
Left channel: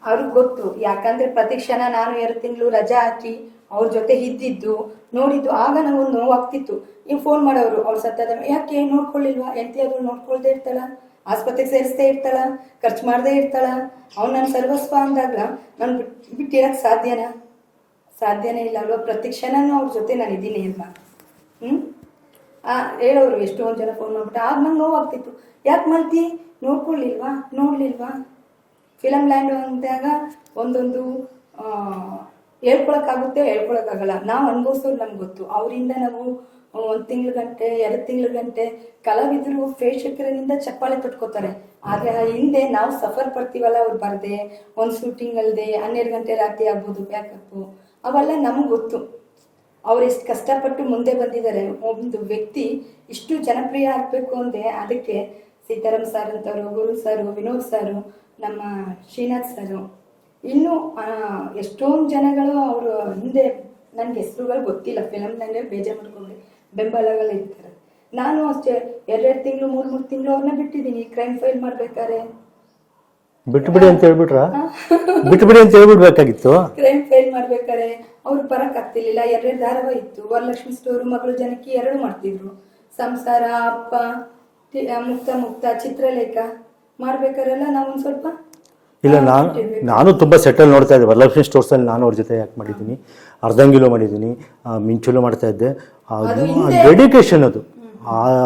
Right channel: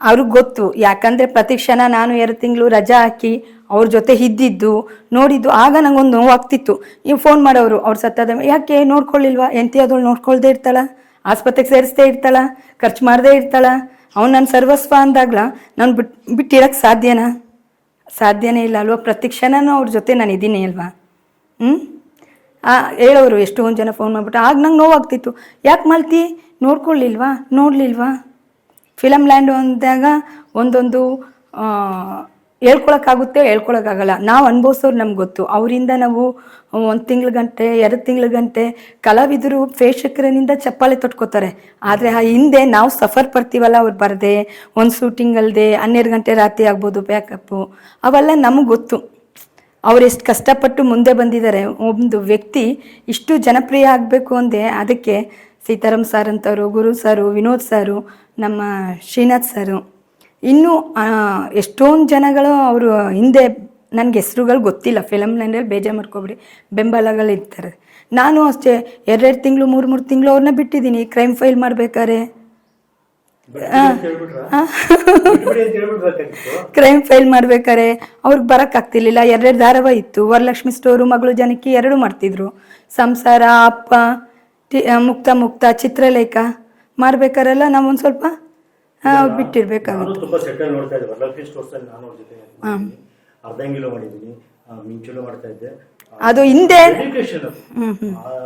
ಅವ್ರಿಗೆ ಗೊತ್ತು. ಯಾಕಂದರೆ ಪ್ರತಿ ಕ್ಷಣ ನಾನು ಎರಡು ತಿಂಗಳು ರಜಾ ಹಾಕಿ ಅವ್ರ ಜೊತೆ ಇದ್ದಿದ್ದು, ನೋಡಿದ್ದು, ಆಗ ನಂಗೊಂದು ನೋವಾಗ್ತಿತ್ತು. ನೀವು ಫೋನ್ ಮಾಡೋರು, ಅವ್ರು ಸತ್ತದ ಯಾಕೆ ನೋಡ್ಕೊಳ್ಳಿಲ್ವಾ? ಎಂತಿ ಅದಳು ನೋಡ್ಕೊಳ್ದೇ ಇರ್ತಾಳ, ಆಸ್ಪತ್ರೆಗೆ ಸೇರಿಸ್ದೇ ಇರ್ತಾಳ, ಖರ್ಚು ಮಾಡದೇ ಇರ್ತಾಳ. ಅವ್ನು ನನ್ನ ಸರ್ವಸ್ವ ಅಂದಾಗ್ಲ ನಾನು ಬಿಟ್ಟು ಬಿಟ್ಟಿರೋಕ್ಕೆ ಸಾಧ್ಯನಾ? ಸಾಧ್ಯನೇ ಇಲ್ಲ ಅಲ್ವಾ? ಪ್ರತಿ ಕ್ಷಣನೂ ಅವ್ರ ಜೊತೆ ನಾನು ಇದ್ದೀನಿ ಅಲ್ವಾ? ಹ್ಞೂ ಹೇಳೋರು ಎಷ್ಟೊಂದು ಜನ ಫೋನ್ ಮಾಡಿಬಿಟ್ಟು, ಆಗ ನಂಗೆ ನೋವಾಗ್ತಿತ್ತು. ಯಾಕೆ ಮಲ್ತಿ? ನೋಡ್ಕೊಳ್ಳಿಲ್ವಾ? ನೋಡಲಿಲ್ವಾ? ಫಿಲಮ್ ಲ್ಯಾಂಡ್ ಅಂದಾಗ ಒಂದೊಂದು ಹೇಳ್ಕೊಳಕ್ಕಾಗುತ್ತೆ ಹೇಳ್ಕೊಳಕ್ಕಾಗಲ್ಲ. ನಾವು ಅನುಭವಿಸೋರು ನಮ್ಗೆ ಗೊತ್ತು. ಅವರಿಂದ ನಾವು ಒಂದು ತಿಂಗಳ ಗಂಟೆ, ಎರಡು ತಿಂಗಳ ಗಂಟೆ ಕಲಾವಿದರು ಪ್ರೇಕ್ಷಕರನಿಂದ ಚಪ್ಪಾಳೆ ತೊಟ್ಕೋತಾರೆ. ಆದರೆ ಆ ಹಿಂದೆ ನಾವು ಸಫರ್ ಪಡ್ತೀವಲ್ಲ ಅವ್ರು ಬರದೆ, ಒಂದು ಶೂಟಿಂಗ್ ಅಲ್ಲದೆ ಹನ್ನೆರಡು ಗಂಟೆ ರಾತ್ರಿ ಆಗ್ಬೋದು ಬ್ಯಾಕಪ್ಪು ಅವೆಲ್ಲ ನಮಗೆ ಗೊತ್ತು. ಅವ್ರು ಎಷ್ಟು ಕಷ್ಟಪಟ್ಟು ಮುಂದೆ ಬಂದಿದ್ದಾರೆ ಒಂದು ವ್ಯಕ್ತಿ ಇಷ್ಟು ಜನಪ್ರಿಯ ಆಗಬೇಕು ಅಂದೆ, ಅದಕ್ಕೆ ಸೀತಾರಾಮ್ ಸರ್ ಅಂತವರು ಗುರು ಸರು ವಿನೋದ್ ಸರು ನಮ್ಮ ಶ್ರೀನಾಥ್ ಸರು ಇನ್ನೂ ಎಷ್ಟೊಂದು ಜನಗಳು ಅವರು ಹಿಂದೆ ನನಗೆ ಹೆಸ್ರುಗಳು ಗೊತ್ತಿಲ್ಲ. ಫಿಲಮ್ ಲೈನಲ್ಲಿ ಬೇಜಾರು ಮಾಡ್ಕೊಬಿಡಿ. ಬೆಂಬಲಗಳಿರ್ತಾರೆ ನಾನು ಅಷ್ಟೇ ಎರಡೆರಡು ತಿಂಗಳು ಮೂರು ಮೂರು ತಿಂಗಳು ಅವ್ರನ್ನ ಬಿಟ್ಟಿದ್ದೀನಿ. ಕ್ರೈಮ್ ಫೈಲ್ ಮಾಡ್ಬೇಕಾದ್ರೆ. ಕ್ರೈಮ್ ಫೈಲ್ ಮಾಡ್ಬೇಕಾರೆ ಅವ್ರಿಗೆ ಬರೋಕ್ಕಾಗ್ತಿರ್ಲಿಲ್ಲ ಎರಡೆರಡು ಧಾರಾವಾಹಿ ಇತ್ತು. ವರಲಕ್ಷ್ಮಿ ಸ್ಟೋರು ಮಗಳು ಜನಕ್ಕೆ ಎರಡು ಮಾಡ್ತಿದ್ರು. ಸಂಸಾರ ಅಪ್ಪ ಮುಕ್ತ ಮುಕ್ತ ಚಿತ್ರಲೇಖ ಮಾಡ್ಬೇಕಾರೆಲ್ಲ ನಾವು ಒಂದು ಸ್ವಲ್ಪ ಈಗ ನಾನು ಬಿಟ್ಟಿರ್ಬೇಕು. ನಾನು ತುಂಬಾ ಸೆಟಲ್ ನೋಡ್ತಾ ಇದ್ದೆ. ವರಲಕ್ಷ್ಮಿ ಸ್ಟೋರ್ಸ್ ಅಲ್ಲಿ ನಾನು ಅವ್ರ ಜೊತೆ ಯಾಕೆ ಮಾಡಿದ್ದೀನಿ. ಅರ್ಧಂಗಿಲೋ ಮಾಡಿದೀನಿ ಮಿಂಚುಲೋ ಮಾಡ್ತಾ ಇದ್ದೆ. ಅದು ಹಿಂದೆ ಡೆಡಿಕೇಶನ್ ಅದು.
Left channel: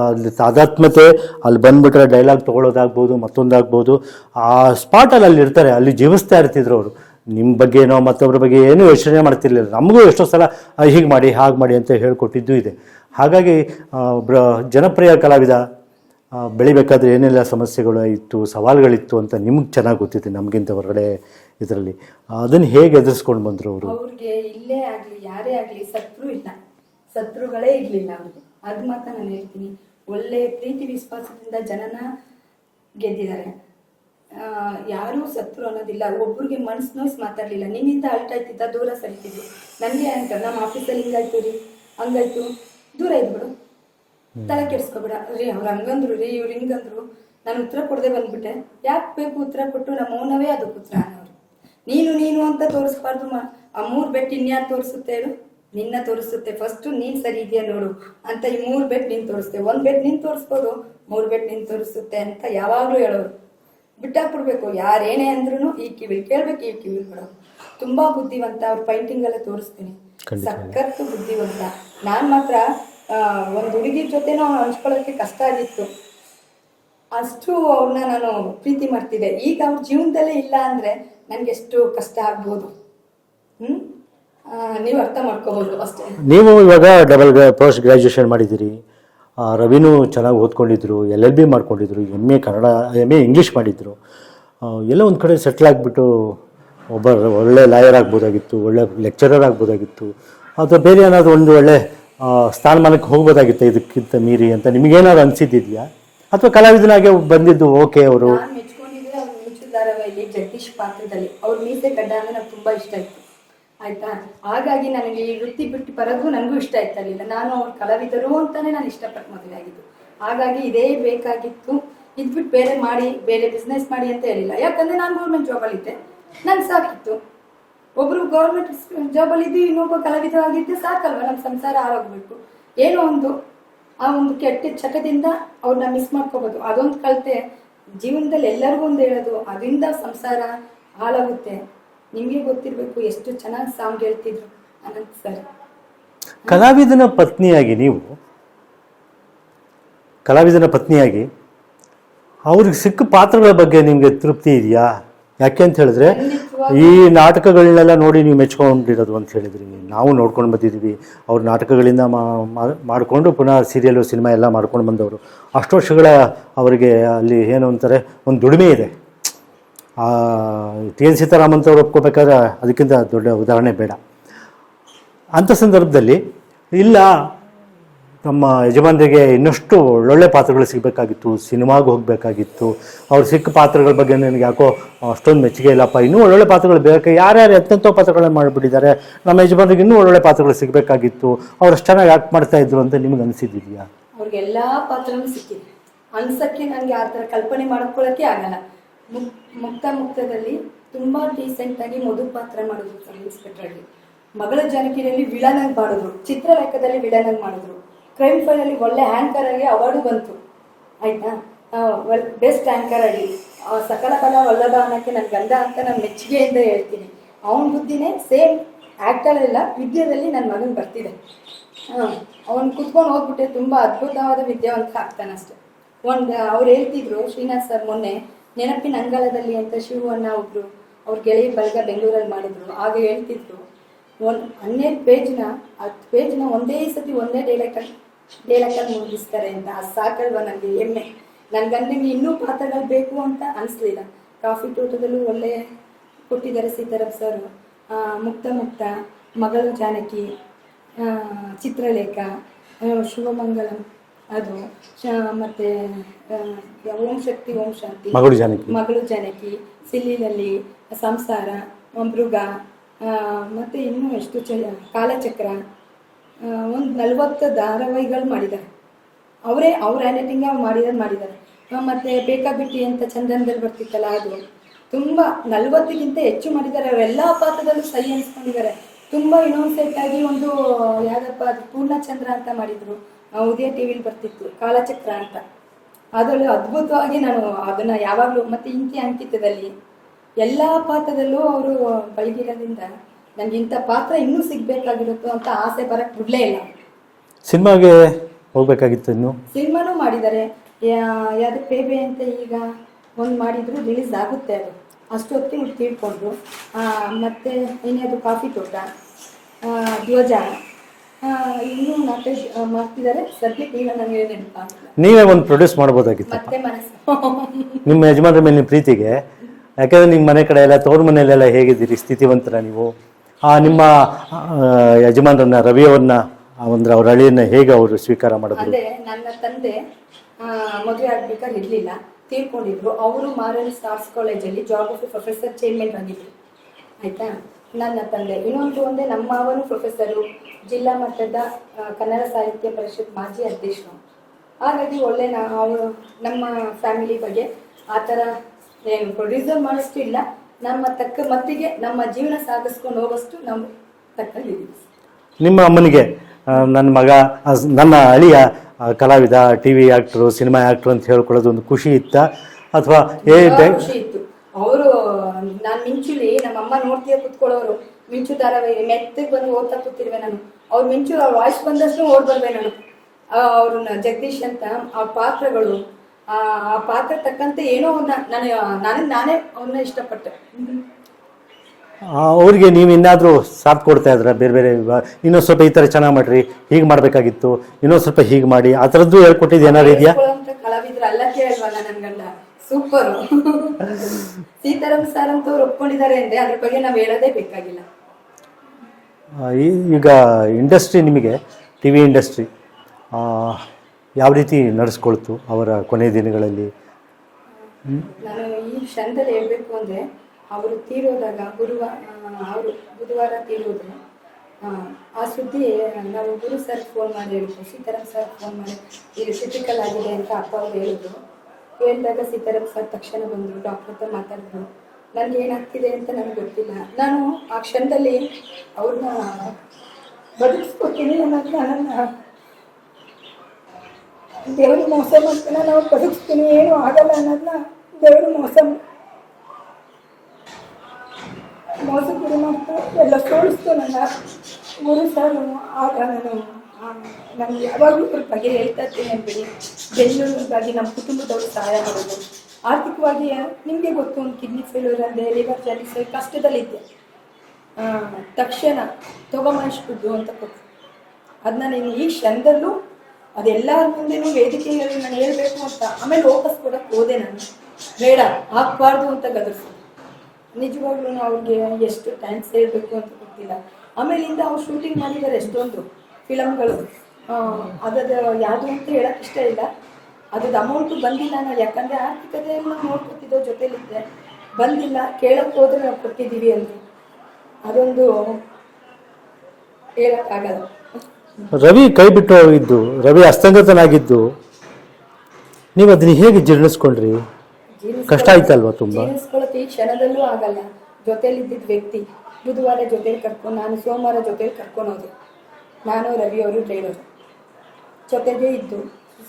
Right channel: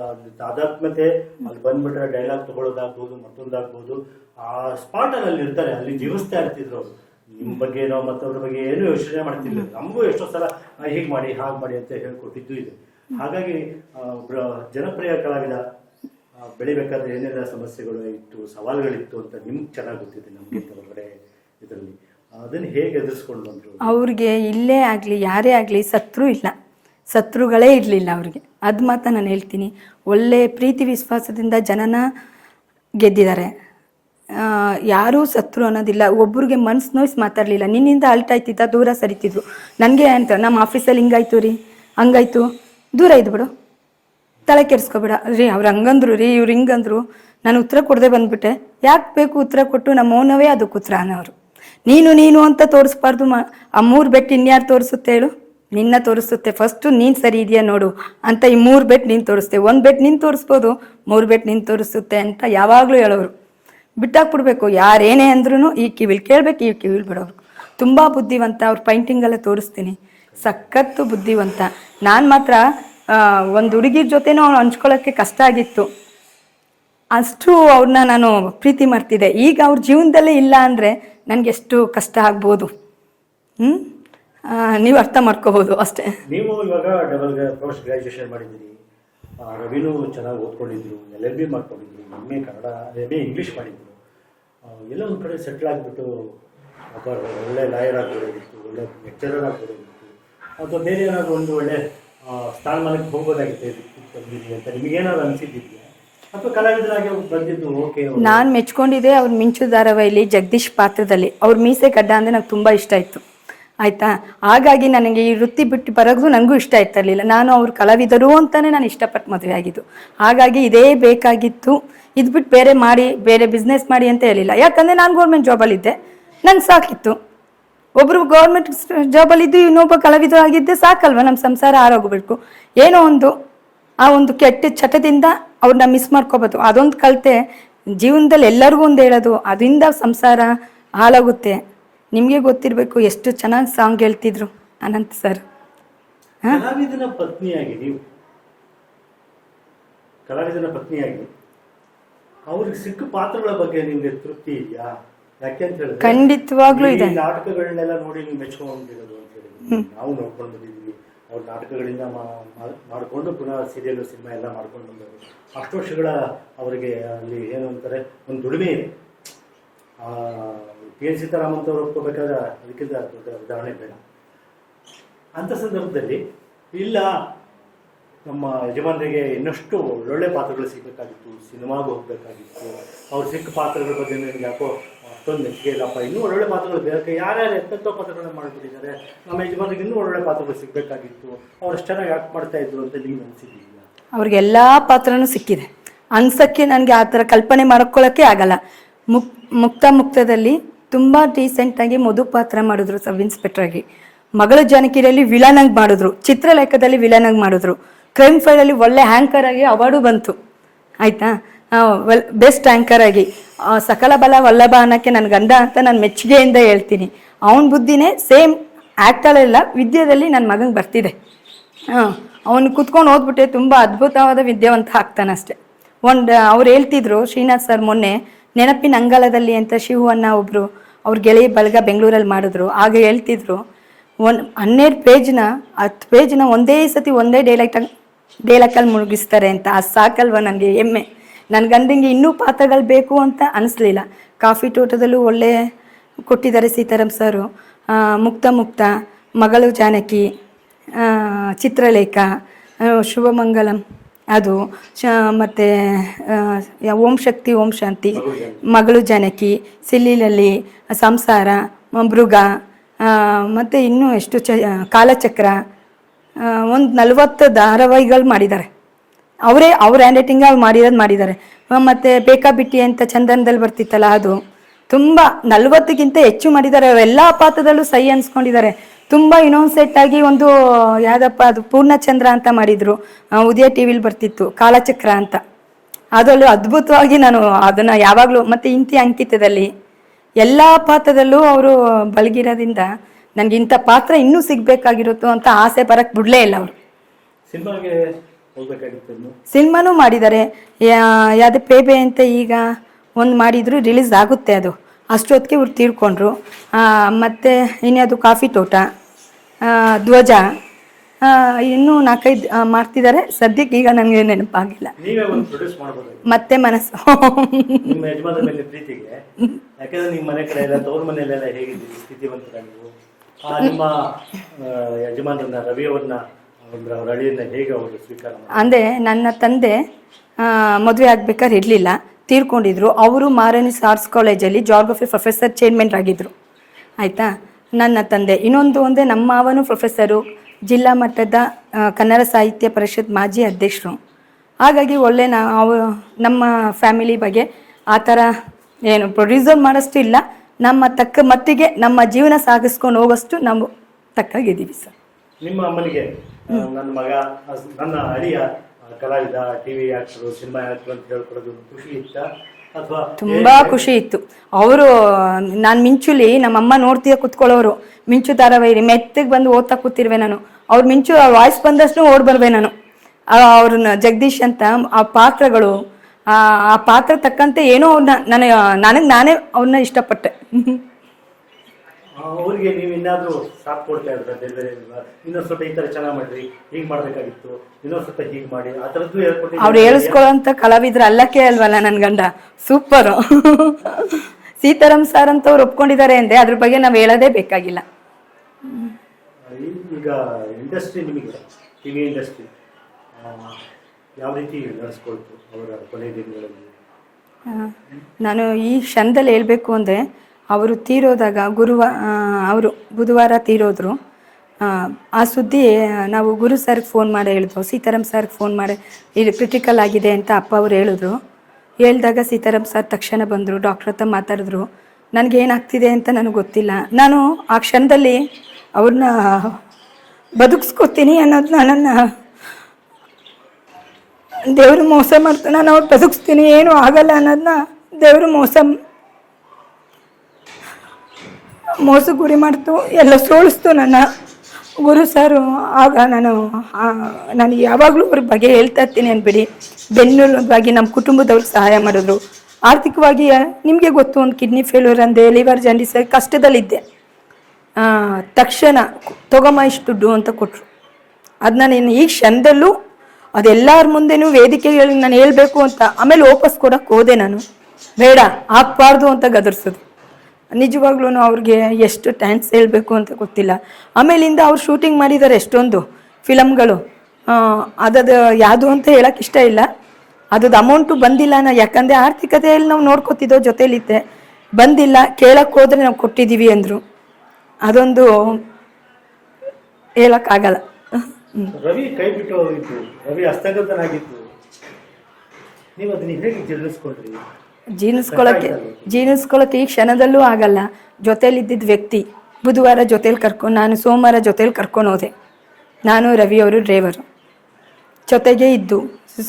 ಅಲ್ಲಿ ತಾದಾತ್ಮ್ಯತೆ ಅಲ್ಲಿ ಬಂದ್ಬಿಟ್ರೆ ಡೈಲಾಗ್ ತಗೊಳ್ಳೋದಾಗ್ಬೋದು ಮತ್ತೊಂದಾಗ್ಬೋದು. ಆ ಸ್ಪಾಟ್ ಅಲ್ಲಿ ಅಲ್ಲಿ ಇರ್ತಾರೆ ಅಲ್ಲಿ ಜೀವಿಸ್ತಾ ಇರ್ತಿದ್ರು ಅವರು. ನಿಮ್ಮ ಬಗ್ಗೆ ಏನೋ ಮತ್ತೊಬ್ಬರ ಬಗ್ಗೆ ಏನೂ ಯೋಚನೆ ಮಾಡ್ತಿರ್ಲಿಲ್ಲ. ನಮಗೂ ಎಷ್ಟೋ ಸಲ ಹೀಗೆ ಮಾಡಿ ಹಾಗೆ ಮಾಡಿ ಅಂತ ಹೇಳ್ಕೊಟ್ಟಿದ್ದು ಇದೆ. ಹಾಗಾಗಿ ಜನಪ್ರಿಯ ಕಲಾವಿದ ಬೆಳಿಬೇಕಾದ್ರೆ ಏನೆಲ್ಲ ಸಮಸ್ಯೆಗಳು ಇತ್ತು, ಸವಾಲುಗಳಿತ್ತು ಅಂತ ನಿಮ್ಗೆ ಚೆನ್ನಾಗಿ ಗೊತ್ತಿದೆ, ನಮಗಿಂತ ಹೊರಗಡೆ ಇದರಲ್ಲಿ. ಅದನ್ನು ಹೇಗೆ ಎದುರಿಸ್ಕೊಂಡು ಬಂದರು ಅವರು? ಅವ್ರಿಗೆ ಇಲ್ಲೇ ಆಗಲಿ, ಯಾರೇ ಆಗಲಿ ಶತ್ರು ಇಲ್ಲ. ಶತ್ರುಗಳೇ ಇರಲಿಲ್ಲ ಅವ್ರಿಗೆ. ಅದು ಮಾತ್ರ ನಾನು ಹೇಳ್ತೀನಿ. ಒಳ್ಳೆ ಪ್ರೀತಿ ವಿಶ್ವಾಸದಿಂದ ಜನನ ಗೆದ್ದಿದ್ದಾರೆ ಯಾರೂ ಶತ್ರು ಅನ್ನೋದಿಲ್ಲ. ಒಬ್ರಿಗೆ ಮನ್ಸು ನೋಯ್ಸ್ ಮಾತಾಡಲಿಲ್ಲ. ನಿನ್ನಿಂದ ಅಲ್ಟಾಯ್ತಿದ್ದ, ದೂರ ಸರಿತಿದ್ರು ನನಗೆ ಅಂತ ನಮ್ಮ ಆಫೀಸಲ್ಲಿ ಹಿಂಗಾಯ್ತು ರೀ. ಹಂಗಾಯ್ತು. ದೂರ ಇದ್ಬಿಡು. ಬಿಡು ತಲೆ ಕೆಡಿಸ್ಕೊಬೇಡ. ರೀ ಅವ್ರು ಹಂಗಂದ್ರು ರೀ ಇವ್ರು ಹಿಂಗಂದ್ರು. ನಾನು ಉತ್ತರ ಕೊಡದೆ ಬಂದ್ಬಿಟ್ಟೆ. ಯಾಕೆ ಬೇಕು ಉತ್ತರ ಕೊಟ್ಟು ನಮ್ಮ ಮೌನವೇ ಅದಕ್ಕೆ ಉತ್ತರ ಅನ್ನೋರು. ನೀನು ನೀನು ಅಂತ ತೋರಿಸ್ಬಾರ್ದು ಮಾ. ಆ ಮೂರು ಬೆಟ್ಟು ಇನ್ಯಾರು ತೋರಿಸುತ್ತೆ ಹೇಳು? ನಿನ್ನ ತೋರಿಸುತ್ತೆ. ಫಸ್ಟು ನೀನು ಸರಿ ಇದೆಯಾ ನೋಡು ಅಂತ ಈ ಮೂರು ಬೆಟ್ ನೀನು ತೋರಿಸ್ತೆ. ಒಂದು ಬೆಟ್ ನೀನು ತೋರಿಸ್ಬೋದು ಮೂರು ಬೆಟ್ ನೀನು ತೋರಿಸುತ್ತೆ ಅಂತ ಯಾವಾಗಲೂ ಹೇಳೋರು. ಬಿಟ್ಟಾಕ್ಬಿಡ್ಬೇಕು. ಯಾರೇನೇ ಅಂದ್ರೂ ಈ ಕಿವಿಲ್ ಕೇಳ್ಬೇಕು ಈ ಕಿವಿಲ್ ಬಿಡೋರು. ತುಂಬ ಬುದ್ಧಿವಂತ ಅವ್ರ ಪೈಂಟಿಂಗ್ ಎಲ್ಲ ತೋರಿಸ್ತೀನಿ. ಸಖತ್ತು ಬುದ್ಧಿವಂತ. ನಾನು ಮಾತ್ರ ಒಂದು ಹುಡುಗಿ ಜೊತೆನೂ ಹಂಚ್ಕೊಳ್ಳೋಕ್ಕೆ ಕಷ್ಟ ಆಗಿತ್ತು. ಅಷ್ಟು ಅವ್ರನ್ನ ನಾನು ಪ್ರೀತಿ ಮಾಡ್ತಿದ್ದೆ ಈಗ ಅವ್ರ ಜೀವನದಲ್ಲೇ ಇಲ್ಲ ಅಂದರೆ ನನಗೆ ಎಷ್ಟು ಕಷ್ಟ ಆಗ್ಬೋದು. ಹ್ಞೂ ನೀವು ಅರ್ಥ ಮಾಡ್ಕೋಬೋದು ಅಷ್ಟೇ. ನೀವು ಇವಾಗ ಡಬಲ್ ಪೋಸ್ಟ್ ಗ್ರ್ಯಾಜುಯೇಷನ್ ಮಾಡಿದ್ದೀರಿ. ಆ, ರವಿನೂ ಚೆನ್ನಾಗಿ ಓದ್ಕೊಂಡಿದ್ರು ಎಲ್ ಎಲ್ ಬಿ ಮಾಡ್ಕೊಂಡಿದ್ರು M A Kannada M A English ಮಾಡಿದ್ರು. ಎಲ್ಲ ಒಂದು ಕಡೆ ಸೆಟ್ಲ್ ಆಗಿಬಿಟ್ಟು ಒಬ್ಬ ಒಳ್ಳೆ ಲಾಯರ್ ಆಗ್ಬೋದಾಗಿತ್ತು ಒಳ್ಳೆ ಲೆಕ್ಚರರ್ ಆಗ್ಬೋದಾಗಿತ್ತು. ಅಥವಾ ಬೇರೆ ಏನಾದರೂ ಒಂದು ಒಳ್ಳೆ ಸ್ಥಾನಮಾನಕ್ಕೆ ಹೋಗ್ಬೋದಾಗಿತ್ತು ಇದಕ್ಕಿಂತ ಮೀರಿ ಅಂತ ನಿಮಗೇನಾದ್ರು ಅನಿಸಿದ್ದಿದೆಯಾ? ಅಥವಾ ಕಲಾವಿದನಾಗೆ ಬಂದಿದ್ದು ಓಕೆ ಅವರು? ನಾನು ಮೆಚ್ಕೊಂಡಿದ್ದೆ ಅವ್ರ ಮಿಂಚು ಧಾರಾವಾಹಿಲಿ ಜಗದೀಶ್ ಪಾತ್ರದಲ್ಲಿ. ಅವ್ರ ಮೀಸೆ ಕಡ್ಡ ಅಂದರೆ ನಂಗೆ ತುಂಬ ಇಷ್ಟ ಇತ್ತು ಆಯಿತಾ? ಹಾಗಾಗಿ ನನಗೆ ಈ ವೃತ್ತಿ ಬಿಟ್ಟು ಬರೋದು ನನಗೂ ಇಷ್ಟ ಇರ್ತಿರ್ಲಿಲ್ಲ ನಾನು ಅವ್ರ ಕಲಾವಿದರು ಅಂತಲೇ ನಾನು ಇಷ್ಟಪಟ್ಟು ಮದುವೆ ಆಗಿದ್ದು. ಹಾಗಾಗಿ ಇದೇ ಬೇಕಾಗಿತ್ತು. ಇದು ಬಿಟ್ಟು ಬೇರೆ ಮಾಡಿ, ಬೇರೆ ಬಿಸ್ನೆಸ್ ಮಾಡಿ ಅಂತ ಹೇಳಿಲ್ಲ. ಯಾಕಂದರೆ ನಾನು ಗೌರ್ಮೆಂಟ್ ಜಾಬಲ್ಲಿದ್ದೆ ನನ್ಗೆ ಸಾಕಿತ್ತು. ಒಬ್ಬರು ಗೌರ್ಮೆಂಟ್ ಜಾಬಲ್ಲಿದ್ದು ಇನ್ನೊಬ್ಬ ಕಲಾವಿದ ಆಗಿದ್ದೆ ಸಾಕಲ್ವ ನಮ್ಮ ಸಂಸಾರ ಆರೋಗಬೇಕು ಏನೋ ಒಂದು ಆ ಒಂದು ಕೆಟ್ಟ ಚಟದಿಂದ ಅವ್ರನ್ನ ಮಿಸ್ ಮಾಡ್ಕೋಬೋದು. ಅದೊಂದು ಕಲಿತೆ ಜೀವನದಲ್ಲಿ ಎಲ್ಲರಿಗೂ ಒಂದು ಹೇಳೋದು, ಅದರಿಂದ ಸಂಸಾರ ಹಾಳಾಗುತ್ತೆ. ನಿಮಗೆ ಗೊತ್ತಿರಬೇಕು ಎಷ್ಟು ಚೆನ್ನಾಗಿ ಸಾಂಗ್ ಹೇಳ್ತಿದ್ರು ಅನಂತ್ ಸರ್ ಕಲಾವಿದನ ಪತ್ನಿಯಾಗಿ ನೀವು, ಕಲಾವಿದನ ಪತ್ನಿಯಾಗಿ ಅವ್ರಿಗೆ ಸಿಕ್ಕ ಪಾತ್ರಗಳ ಬಗ್ಗೆ ನಿಮಗೆ ತೃಪ್ತಿ ಇದೆಯಾ? ಯಾಕೆ ಅಂತ ಹೇಳಿದ್ರೆ ಈ ನಾಟಕಗಳನ್ನೆಲ್ಲ ನೋಡಿ ನೀವು ಮೆಚ್ಕೊಂಡಿರೋದು ಅಂತ ಹೇಳಿದ್ರಿ. ನಾವು ನೋಡ್ಕೊಂಡು ಬಂದಿದ್ದೀವಿ. ಅವ್ರ ನಾಟಕಗಳಿಂದ ಮಾಡಿಕೊಂಡು ಪುನಃ ಸೀರಿಯಲು ಸಿನಿಮಾ ಎಲ್ಲ ಮಾಡ್ಕೊಂಡು ಬಂದವರು. ಅಷ್ಟು ವರ್ಷಗಳ ಅವರಿಗೆ ಅಲ್ಲಿ ಏನು ಅಂತಾರೆ ಒಂದು ದುಡಿಮೆ ಇದೆ. ಟಿ ಎನ್ ಸೀತಾರಾಮನ್ ಅವ್ರು ಒಪ್ಕೋಬೇಕಾದ್ರೆ ಅದಕ್ಕಿಂತ ದೊಡ್ಡ ಉದಾಹರಣೆ ಬೇಡ. ಅಂಥ ಸಂದರ್ಭದಲ್ಲಿ ಇಲ್ಲ ನಮ್ಮ ಯಜಮಾನರಿಗೆ ಇನ್ನಷ್ಟು ಒಳ್ಳೊಳ್ಳೆ ಪಾತ್ರಗಳು ಸಿಗಬೇಕಾಗಿತ್ತು, ಸಿನಿಮಾಗೆ ಹೋಗಬೇಕಾಗಿತ್ತು. ಅವ್ರು ಸಿಕ್ಕ ಪಾತ್ರಗಳ ಬಗ್ಗೆ ನನಗೆ ಯಾಕೋ ಅಷ್ಟೊಂದು ಮೆಚ್ಚುಗೆ ಇಲ್ಲಪ್ಪ. ಇನ್ನೂ ಒಳ್ಳೊಳ್ಳೆ ಪಾತ್ರಗಳು ಬೇಕು? ಯಾರ್ಯಾರು ಎಂತೆಂಥ ಪಾತ್ರಗಳನ್ನ ಮಾಡಿಬಿಟ್ಟಿದ್ದಾರೆ, ನಮ್ಮ ಯಜಮಾನರಿಗೆ ಇನ್ನೂ ಒಳ್ಳೊಳ್ಳೆ ಪಾತ್ರಗಳು ಸಿಗಬೇಕಾಗಿತ್ತು. ಅವ್ರು ಅಷ್ಟು ಚೆನ್ನಾಗಿ ಆ್ಯಕ್ಟ್ ಮಾಡ್ತಾ ಇದ್ರು ಅಂತ ನಿಮ್ಗೆ ಅನಿಸಿದ್ದೀಯಾ? ಅವ್ರಿಗೆಲ್ಲ ಪಾತ್ರನೂ ಸಿಕ್ಕಿದೆ. ಅನ್ಸಕ್ಕೆ ನನಗೆ ಆ ಥರ ಕಲ್ಪನೆ ಮಾಡ್ಕೊಳ್ಳೋಕ್ಕೆ ಆಗಲ್ಲ. ಮುಕ್, ಮುಕ್ತ ಮುಕ್ತದಲ್ಲಿ ತುಂಬ ಡೀಸೆಂಟಾಗಿ ಮಧು ಪಾತ್ರ ಮಾಡಿದ್ರು ಸಬ್ ಇನ್ಸ್ಪೆಕ್ಟ್ರಾಗಿ ಮಗಳ ಜಾನಕಿಯಲ್ಲಿ ವಿಲನಾಗಿ ಮಾಡಿದ್ರು. ಚಿತ್ರಲೇಖದಲ್ಲಿ ವಿಲನಾಗಿ ಮಾಡಿದ್ರು. ಕ್ರೈಮ್ ಫೈಲಲ್ಲಿ ಒಳ್ಳೆ ಹ್ಯಾಂಕರ್ ಆಗಿ ಅವಾರ್ಡು ಬಂತು. ಆಯ್ತಾ? ವೆಲ್ ಬೆಸ್ಟ್ ಆ್ಯಂಕರ್ ಆಗಿ. ಸಕಲ ಬಲ ವಲ್ಲಭ ಅನ್ನೋಕ್ಕೆ ನನ್ನ ಗಂಡ ಅಂತ ನಾನು ಮೆಚ್ಚುಗೆಯಿಂದ ಹೇಳ್ತೀನಿ. ಅವನ ಬುದ್ಧಿನೇ ಸೇಮ್ ಆ್ಯಕ್ಟಲ್ಲೆಲ್ಲ ವಿದ್ಯೆಯಲ್ಲಿ ನನ್ನ ಮಗಂಗೆ ಬರ್ತಿದೆ. ಹಾಂ ಅವನು ಕುತ್ಕೊಂಡು ಓದ್ಬಿಟ್ಟೆ ತುಂಬ ಅದ್ಭುತವಾದ ವಿದ್ಯಾವಂತ ಆಗ್ತಾನೆ ಅಷ್ಟೆ. ಒಂದು, ಅವ್ರು ಹೇಳ್ತಿದ್ರು, ಶ್ರೀನಾಥ್ ಸರ್ ಮೊನ್ನೆ, ನೆನಪಿನ ಅಂಗಳದಲ್ಲಿ ಅಂತ ಶಿವು ಒಬ್ಬರು ಅವ್ರ ಗೆಳೆಯ ಬಳಗ ಬೆಂಗಳೂರಲ್ಲಿ ಮಾಡಿದ್ರು. ಆಗ ಹೇಳ್ತಿದ್ರು, ಒಂದು ಹನ್ನೆರಡು ಪೇಜ್ನ ಹತ್ತು ಪೇಜ್ನ ಒಂದೇ ಸತಿ ಒಂದೇ ಡೈಲಾಗ್ ಡೈಲಾಕಲ್ಲಿ ಮುಳುಗಿಸ್ತಾರೆ ಅಂತ. ಆ ಸಾಕಲ್ವ ನನಗೆ ಹೆಮ್ಮೆ ನನ್ನ ಗಂಡಂಗೆ ಇನ್ನೂ ಪಾತ್ರಗಳು ಬೇಕು ಅಂತ ಅನಿಸ್ಲಿಲ್ಲ. ಕಾಫಿ ತೋಟದಲ್ಲೂ ಒಳ್ಳೆ ಕೊಟ್ಟಿದ್ದಾರೆ ಸೀತಾರಾಮ್ ಸರು. ಮುಕ್ತ ಮುಕ್ತ ಮಗಳು ಜಾನಕಿ ಚಿತ್ರಲೇಖ ಶುಭಮಂಗಲಂ ಅದು ಶ ಮತ್ತು ಓಂ ಶಕ್ತಿ ಓಂ ಶಾಂತಿ ಮಗಳು ಜಾನಕಿ. ಸಿಲ್ಲಿಲಲ್ಲಿ ಸಂಸಾರ ಮೃಗ ಮತ್ತೆ ಇನ್ನೂ ಎಷ್ಟು ಚ ಕಾಲಚಕ್ರ ಒಂದು ನಲವತ್ತು ಧಾರಾವಾಹಿಗಳು ಮಾಡಿದ್ದಾರೆ. ಅವರೇ ಅವ್ರ ಹ್ಯಾಂಡ್ ರೈಟಿಂಗ್ ಅವ್ರು ಮಾಡಿರೋದು ಮಾಡಿದ್ದಾರೆ. ಮತ್ತು ಬೇಕಾಬಿಟ್ಟಿ ಅಂತ ಚಂದನದಲ್ಲಿ ಬರ್ತಿತ್ತಲ್ಲ ಅದು. ತುಂಬ ನಲವತ್ತಕ್ಕಿಂತ ಹೆಚ್ಚು ಮಾಡಿದ್ದಾರೆ. ಅವರೆಲ್ಲ ಪಾತ್ರದಲ್ಲೂ ಸಹಿ ಅನ್ಸ್ಕೊಂಡಿದ್ದಾರೆ. ತುಂಬ ಇನ್ನೋಸೆಟ್ ಆಗಿ ಒಂದು, ಯಾವ್ದಪ್ಪ ಅದು ಪೂರ್ಣಚಂದ್ರ ಅಂತ ಮಾಡಿದ್ರು. ಉದಯ ಟಿ ವಿಲಿ ಬರ್ತಿತ್ತು, ಕಾಲಚಕ್ರ ಅಂತ. ಅದರಲ್ಲೂ ಅದ್ಭುತವಾಗಿ ನಾನು ಅದನ್ನು ಯಾವಾಗಲೂ, ಮತ್ತು ಇಂತಿ ಅಂಕಿತದಲ್ಲಿ ಎಲ್ಲ ಪಾತ್ರದಲ್ಲೂ ಅವರು ಬಲಗಿರೋದ್ರಿಂದ ನನಗೆ ಇಂಥ ಪಾತ್ರ ಇನ್ನೂ ಸಿಗಬೇಕಾಗಿರುತ್ತೋ ಅಂತ ಆಸೆ ಬರಕ್ಕೆ ಬಿಡಲೇ ಇಲ್ಲ ಅವರು. ಸಿನಿಮಾಗೆ ಹೋಗ್ಬೇಕಾಗಿತ್ತು ಇನ್ನು? ಸಿನಿಮಾನೂ ಮಾಡಿದ್ದಾರೆ. ಯಾವುದು ಪೇಬೆ ಅಂತ ಈಗ ಒಂದು ಮಾಡಿದ್ರು ರಿಲೀಸ್ ಆಗುತ್ತೆ ಅದು. ಅಷ್ಟೊತ್ತಿಗೆ ಇವ್ರು ತೀರ್ಕೊಂಡ್ರು. ಮತ್ತೆ ಇನ್ಯಾವುದು ಕಾಫಿ ತೋಟ ಧ್ವಜ ಇನ್ನೂ ನಾಲ್ಕೈದು ಮಾಡ್ತಿದ್ದಾರೆ. ಸದ್ಯಕ್ಕೆ ಈಗ ನನಗೆ ನೆನಪಾಗಿಲ್ಲ. ನೀವೇ ಒಂದು ಪ್ರೊಡ್ಯೂಸ್ ಮಾಡ್ಬೋದಾಗಿತ್ತು ಮತ್ತೆ ಮನಸ್ಸು. ನಿಮ್ಮ ಯಜಮಾನರ ಮೇಲೆ ಪ್ರೀತಿಗೆ. ಯಾಕಂದ್ರೆ ನಿಮ್ಮ ಮನೆ ಕಡೆ ಎಲ್ಲ ತೋರ್ ಮನೆಯಲ್ಲೆಲ್ಲ ಹೇಗಿದ್ದೀರಿ? ಸ್ಥಿತಿವಂತರ ನೀವು? ನಿಮ್ಮ ಯಜಮಾನರನ್ನ, ರವಿಯವ್ರನ್ನ ಅಂದ್ರೆ ಅವ್ರ ಅಳಿಯನ್ನ ಹೇಗೆ ಅವರು ಸ್ವೀಕಾರ ಮಾಡಿದ್ರು? ಅಂದ್ರೆ ನನ್ನ ತಂದೆ ಮದುವೆ ಆಗ್ಬೇಕಾದ್ರೆ ಇರಲಿಲ್ಲ. ತೀರ್ಕೊಂಡಿದ್ರು. ಅವರು ಮಾರನಿಸ್ ಆರ್ಟ್ಸ್ ಕಾಲೇಜಲ್ಲಿ ಜಾಗ್ರಫಿ ಪ್ರೊಫೆಸರ್ ಚೇರ್ಮನ್ ಆಗಿದ್ರು. ಆಯ್ತಾ? ನನ್ನ ತಂದೆ. ಇನ್ನೊಂದು ಒಂದೇ ನಮ್ಮ ಮಾವನು ಪ್ರೊಫೆಸರು, ಜಿಲ್ಲಾ ಮಟ್ಟದ ಕನ್ನಡ ಸಾಹಿತ್ಯ ಪರಿಷತ್ ಮಾಜಿ ಅಧ್ಯಕ್ಷರು. ಹಾಗಾಗಿ ಒಳ್ಳೆ ನಾವು ನಮ್ಮ ಫ್ಯಾಮಿಲಿ ಬಗ್ಗೆ ಆ ಥರ ಏನು ಪ್ರೊಡ್ಯೂಸರ್ ಮಾಡೋಷ್ಟು ಇಲ್ಲ. ನಮ್ಮ ತಕ್ಕ ಮತ್ತಿಗೆ ನಮ್ಮ ಜೀವನ ಸಾಗಿಸ್ಕೊಂಡು ಹೋಗೋಷ್ಟು ನಾವು ತಕ್ಕಾಗಿದ್ದೀವಿ ಸರ್. ನಿಮ್ಮ ಅಮ್ಮನಿಗೆ ಆ, ನನ್ನ ಮಗ ಆ, ನನ್ನ ಅಳಿಯ ಆ, ಕಲಾವಿದ T V actor cinema actor ಅಂತ ಹೇಳ್ಕೊಳ್ಳೋದು ಒಂದು ಖುಷಿ ಇತ್ತ? ಅಥವಾ ತುಂಬಾ ಖುಷಿ ಇತ್ತು. ಅವರು ನಾನು ಮಿಂಚುಲಿ ನಮ್ಮಮ್ಮ ನೋಡ್ತೀಯ ಕುತ್ಕೊಳ್ಳೋರು. ಮಿಂಚು ಧಾರಾವಾಹಿ ಮೆತ್ತಗೆ ಬಂದು ಓದ್ತಾ ಕೂತಿರ್ವೆ ನಾನು. ಅವ್ರು ಮಿಂಚು ವಾಯ್ಸ್ ಬಂದಷ್ಟು ಓಡ್ ಬರ್ವೆ ನಾನು. ಅವ್ರನ್ನ ಜಗದೀಶ್ ಅಂತ ಆ ಪಾತ್ರಗಳು ಆ ಆ ಪಾತ್ರ ತಕ್ಕಂತೆ ಏನೋ ಅವ್ರನ್ನ ನನಗೆ ನನಗೆ ನಾನೇ ಅವ್ರನ್ನ ಇಷ್ಟಪಟ್ಟೆ. ಅವ್ರಿಗೆ ನೀವು ಇನ್ನಾದರೂ ಸಾಥ್ ಕೊಡ್ತಾ ಇದ್ರ ಬೇರೆ ಬೇರೆ ಇನ್ನೊಂದ್ ಸ್ವಲ್ಪ ಈ ಥರ ಚೆನ್ನಾಗಿ ಮಾಡ್ರಿ ಹೀಗೆ ಮಾಡಬೇಕಾಗಿತ್ತು ಇನ್ನೊಂದು ಸ್ವಲ್ಪ ಹೀಗೆ ಮಾಡಿ ಆ ಥರದ್ದು ಹೇಳ್ಕೊಟ್ಟಿದ್ದೀನಿ ಇದೆಯಾ ಕಲಾವಿದ್ರು ಅಲ್ಲಕ್ಕೆ ಅಲ್ವಲ್ಲ ನನ್ನ ಗಂಡ? ಸೂಪರು. ಸೀತಾರಾಮ್ ಸರ್ ಅಂತ ಅವ್ರು ಒಪ್ಕೊಂಡಿದ್ದಾರೆ ಅಂದೆ ಅದ್ರ ಬಗ್ಗೆ ನಾವು ಹೇಳೋದೇ ಬೇಕಾಗಿಲ್ಲ. ಈಗ ಇಂಡಸ್ಟ್ರಿ ನಿಮಗೆ ಟಿ ವಿ ಇಂಡಸ್ಟ್ರಿ ಯಾವ ರೀತಿ ನಡೆಸ್ಕೊಳ್ತು ಅವರ ಕೊನೆ ದಿನಗಳಲ್ಲಿ? ನಾನು ಈ ಕ್ಷಣದಲ್ಲಿ ಹೇಳಬೇಕು ಅಂದರೆ ಅವರು ತೀರೋದಾಗ ಗುರುವ ಅವರು ಬುಧವಾರ ತೀರೋದ್ರು. ಆ, ಸುದ್ದಿ ನಾವು ಗುರು ಸರ್ಗೆ ಫೋನ್ ಮಾಡಿ ಹೇಳಿದ್ವು. ಸೀತಾರಾಮ್ ಸರ್ಗೆ ಫೋನ್ ಮಾಡಿ ಇಲ್ಲಿ ಕ್ರಿಟಿಕಲ್ ಆಗಿದೆ ಅಂತ ಅಪ್ಪ ಅವರು ಹೇಳಿದ್ರು. ಹೇಳಿದಾಗ ಸೀತಾರಾಮ್ ಸರ್ ತಕ್ಷಣ ಬಂದರು ಡಾಕ್ಟ್ರ್ ಹತ್ರ ಮಾತಾಡಿದ್ರು. ನನಗೇನಾಗ್ತಿದೆ ಅಂತ ನನಗೆ ಗೊತ್ತಿಲ್ಲ. ನಾನು ಆ ಕ್ಷಣದಲ್ಲಿ ಅವ್ರನ್ನ ಬದುಕಿಸ್ಕೊತೀನಿ ಅನ್ನೋದು ನನ್ನ ದೇವರು ಮೋಸ ಮಾಡ್ತಾನೆ, ನಾನು ಅವ್ರು ಬದುಕಿಸ್ತೀನಿ, ಏನೂ ಆಗಲ್ಲ ಅನ್ನೋದನ್ನ ದೇವರು ಮೋಸ ಮೋಸ ಗುರಿ ಮಾಡ್ತು, ಎಲ್ಲ ಸೋಳಿಸ್ತು ನನ್ನ ಗುರು ಸಾರು. ಆಗ ನಾನು ನಾನು ಯಾವಾಗಲೂ ಅವ್ರ ಬಗ್ಗೆ ಹೇಳ್ತಾ ಇರ್ತೀನಿ ಅನ್ಬೇಡಿ ಬಗ್ಗೆ ನಮ್ಮ ಕುಟುಂಬದವ್ರು ಸಹಾಯ ಮಾಡಿದ್ರು. ಆರ್ಥಿಕವಾಗಿ ನಿಮಗೆ ಗೊತ್ತು, ಒಂದು ಕಿಡ್ನಿ ಫೇಲ್ಯೂರ್ ಅಂದೆ ಲಿವರ್ ಜಾಂಡಿಸ್ ಕಷ್ಟದಲ್ಲಿದ್ದೆ. ತಕ್ಷಣ ತಗೊಮ್ಮ ಇಷ್ಟು ದುಡ್ಡು ಅಂತ ಕೊಟ್ಟರು ಅದನ್ನ ನಾನು ಈ ಕ್ಷಣದಲ್ಲೂ ಅದೆಲ್ಲರ ಮುಂದೆನೂ ವೇದಿಕೆಗಳಲ್ಲಿ ನಾನು ಹೇಳಬೇಕು ಅಂತ ಆಮೇಲೆ ವಾಪಸ್ ಕೊಡಕ್ಕೆ ಹೋದೆ ನಾನು. ಬೇಡ, ಹಾಕ್ಬಾರ್ದು ಅಂತ ಗದರ್ಸೋದು. ನಿಜವಾಗ್ಲೂ ಅವ್ರಿಗೆ ಎಷ್ಟು ಟ್ಯಾನ್ಸ್ ಹೇಳಬೇಕು ಅಂತ ಗೊತ್ತಿಲ್ಲ. ಆಮೇಲಿಂದ ಅವ್ರು ಶೂಟಿಂಗ್ ಮಾಡಿದ್ದಾರೆ ಎಷ್ಟೊಂದು ಫಿಲಮ್ಗಳು ಅದದು ಯಾವುದು ಅಂತ ಹೇಳಕ್ಕೆ ಇಷ್ಟ ಇಲ್ಲ. ಅದ್ರದ್ದು ಅಮೌಂಟು ಬಂದಿಲ್ಲ ನಾ, ಯಾಕಂದರೆ ಆರ್ಥಿಕತೆಯಲ್ಲಿ ನಾವು ನೋಡ್ಕೊತಿದ್ದೋ ಜೊತೆಯಲ್ಲಿದ್ದೆ ಬಂದಿಲ್ಲ ಕೇಳಕ್ಕೆ ಹೋದ್ರೆ ನಾವು ಕೊಟ್ಟಿದ್ದೀವಿ ಅಂದರು. ಅದೊಂದು ಹೇಳಕ್ಕಾಗಲ್ಲ ರವಿ ಕೈ ಬಿಟ್ಟು ಹೋಗಿದ್ದು ರವಿ ಅಸ್ತಂಗತನಾಗಿದ್ದು ನೀವು ಅದನ್ನ ಹೇಗೆ ಜೀರ್ಣಿಸ್ಕೊಂಡ್ರಿ? ಕಷ್ಟ ಆಯ್ತಲ್ವಾ ಜೀರ್ಣಿಸ್ಕೊಳ್ಳೋಕೆ ತುಂಬಾ? ಜೀರ್ಣಿಸ್ಕೊಳ್ಳೋಕೆ ಈ ಕ್ಷಣದಲ್ಲೂ ಆಗಲ್ಲ. ಜೊತೇಲಿದ್ದಿದ್ದ ವ್ಯಕ್ತಿ ಬುಧವಾರ ಜೊತೆಲಿ ಕರ್ಕೊಂಡು ನಾನು ಸೋಮವಾರ ಜೊತೇಲಿ ಕರ್ಕೊಂಡು ಹೋದೆ. ನಾನು ರವಿ ಅವರು ಡ್ರೈವರು. ಜೊತೆಗೆ ಇದ್ದು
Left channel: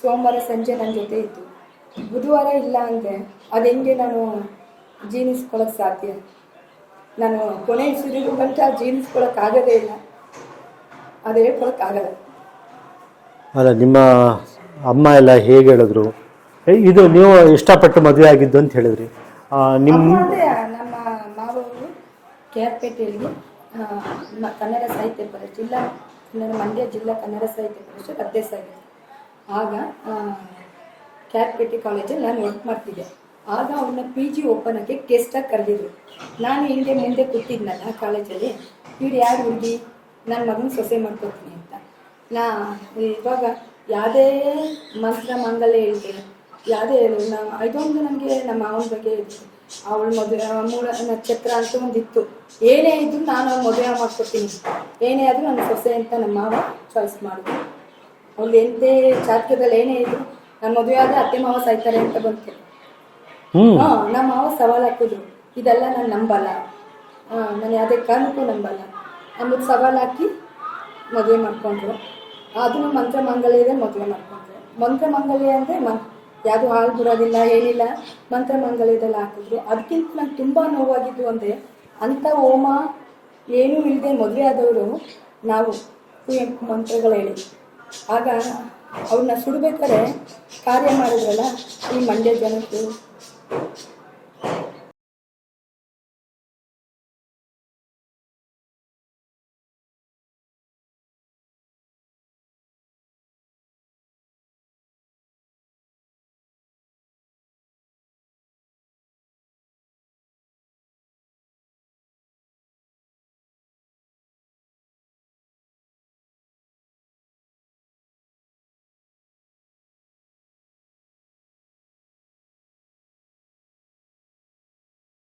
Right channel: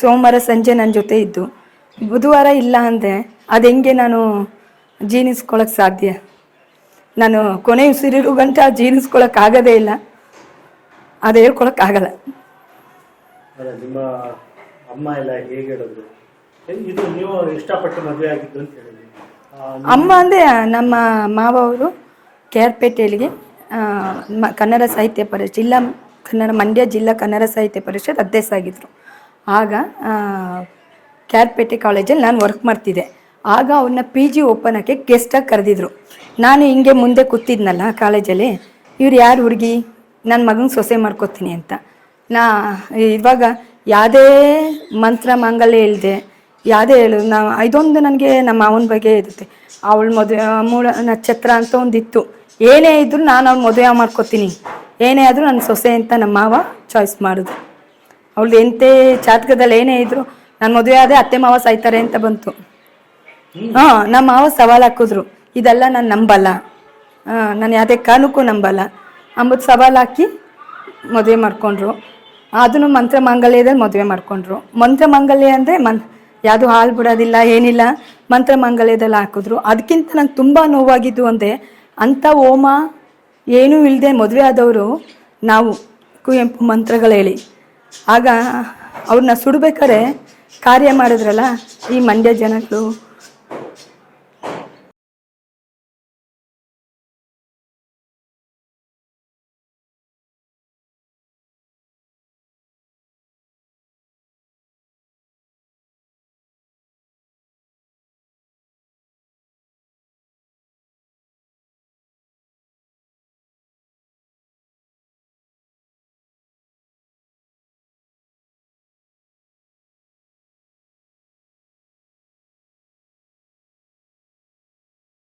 ಸೋಮವಾರ ಸಂಜೆ ನನ್ನ ಜೊತೆ ಇದ್ದು ಬುಧವಾರ ಇಲ್ಲ ಅಂದರೆ ಅದು ಹೆಂಗೆ ನಾನು ಜೀರ್ಣಿಸ್ಕೊಳಕ್ಕೆ ಸಾಧ್ಯ? ನಾನು ಕೊನೆ ಉಸಿರಿರೋ ಗಂಟ ಆಗೋದೇ ಇಲ್ಲ. ಅದು ಹೇಳ್ಕೊಳಕ್ಕಾಗಲ್ಲ ಅಲ್ಲ ನಿಮ್ಮ ಅಮ್ಮ ಎಲ್ಲ ಹೇಗೆ ಹೇಳಿದ್ರು? ಏ, ಇದು ನೀವು ಇಷ್ಟಪಟ್ಟು ಮದುವೆ ಆಗಿದ್ದು ಅಂತ ಹೇಳಿದ್ರಿ. ಆ, ನಿಮ್- ಅಮ್ಮ ಅಂದ್ರೆ ನಮ್ಮ ಮಾವ ಅವರು ಕೇರ್ಪೇಟೆಯಲ್ಲಿಗೆ ಆ, ಮ- ಕನ್ನಡ ಸಾಹಿತ್ಯ ಪರಿಷತ್ ಜಿಲ್ಲಾ ಕನ್ನಡ ಮಂಡ್ಯ ಜಿಲ್ಲಾ ಕನ್ನಡ ಸಾಹಿತ್ಯ ಪರಿಷತ್ ಅಧ್ಯಕ್ಷ ಆಗಿದ್ರು. ಆಗ ಆರ್ ಕ್ಯಾರ್ಪೇಟೆ ಕಾಲೇಜಲ್ಲಿ ನಾನು ವರ್ಕ್ ಮಾಡ್ತಿದ್ದೆ. ಆಗ ಅವ್ರನ್ನ ಪಿ ಜಿ ಓಪನ್ ಆಗಿ ಗೆಸ್ಟಾಗಿ ಕರೆದಿದ್ರು. ನಾನು ಹಿಂಗೆ ಮುಂದೆ ಕೂತಿದ್ನಲ್ಲ ಕಾಲೇಜಲ್ಲಿ. ಇವ್ರು ಯಾರು ಹುಡುಗಿ? ನನ್ನ ಮಗನ ಸೊಸೆ ಮಾಡ್ಕೋತೀನಿ ಅಂತ. ನಾ ಇವಾಗ ಯಾವುದೇ ಮಂತ್ರ ಮಾಂಗಲ್ಯ ಇಲ್ಲದೆ ಯಾವುದೇ ಹೇಳು ನಾ ಇದೊಂದು ನನಗೆ ನಮ್ಮ ಅವನ ಬಗ್ಗೆ ಇರುತ್ತೆ. ಅವಳ ಮದುವೆ ಮೂಲ ನಕ್ಷತ್ರ ಅಂತ ಒಂದಿತ್ತು. ಏನೇ ಇದ್ರೂ ನಾನು ಅವ್ಳು ಮದುವೆ ಮಾಡ್ಕೋತೀನಿ. ಏನೇ ಆದರೂ ನನ್ನ ಸೊಸೆ ಅಂತ ನಮ್ಮ ಮಾವ ಚಾಯ್ಸ್ ಮಾಡಿದ್ರು ಅವಳು ಎಂತೆ ಜಾತಕದಲ್ಲಿ ಏನೇ ಇದ್ರು ನಾನು ಮದುವೆ ಆದರೆ ಅತ್ತೆ ಮಾವ ಸಾಯ್ತಾರೆ ಅಂತ ಬಂತು. ಹಾ ನಮ್ಮ ಮಾವ ಸವಾಲು ಹಾಕಿದ್ರು. ಇದೆಲ್ಲ ನಾನು ನಂಬಲ್ಲ. ನಾನು ಯಾವುದೇ ಕಾರಣಕ್ಕೂ ನಂಬಲ್ಲ. ಅಂಬುದು ಸವಾಲು ಹಾಕಿ ಮದುವೆ ಮಾಡ್ಕೊಂಡ್ರು. ಅದನ್ನು ಮಂತ್ರ ಮಾಂಗಲ್ಯದಲ್ಲಿ ಮದುವೆ ಮಾಡ್ಕೊಂಡ್ರು. ಮಂತ್ರ ಮಾಂಗಲ್ಯ ಅಂದರೆ ಮನ್, ಯಾವುದು ಹಾಲು ಬಿಡೋದಿಲ್ಲ, ಏನಿಲ್ಲ. ಮಂತ್ರ ಮಾಂಗಲ್ಯದಲ್ಲಿ ಹಾಕಿದ್ರು. ಅದಕ್ಕಿಂತ ನಂಗೆ ತುಂಬ ನೋವಾಗಿದ್ದು ಅಂದರೆ ಅಂಥ ಹೋಮ ಏನೂ ಇಲ್ಲದೆ ಮದುವೆ ಆದವರು ನಾವು ಕುವೆಂಪು ಮಂತ್ರಗಳು ಹೇಳಿ. ಆಗ ಅವ್ರನ್ನ ಸುಡ್ಬೇಕಾದ್ರೆ ಕಾರ್ಯ ಮಾಡಿದ್ರಲ್ಲ ಈ ಮಂಡ್ಯ ಜನಗಳು.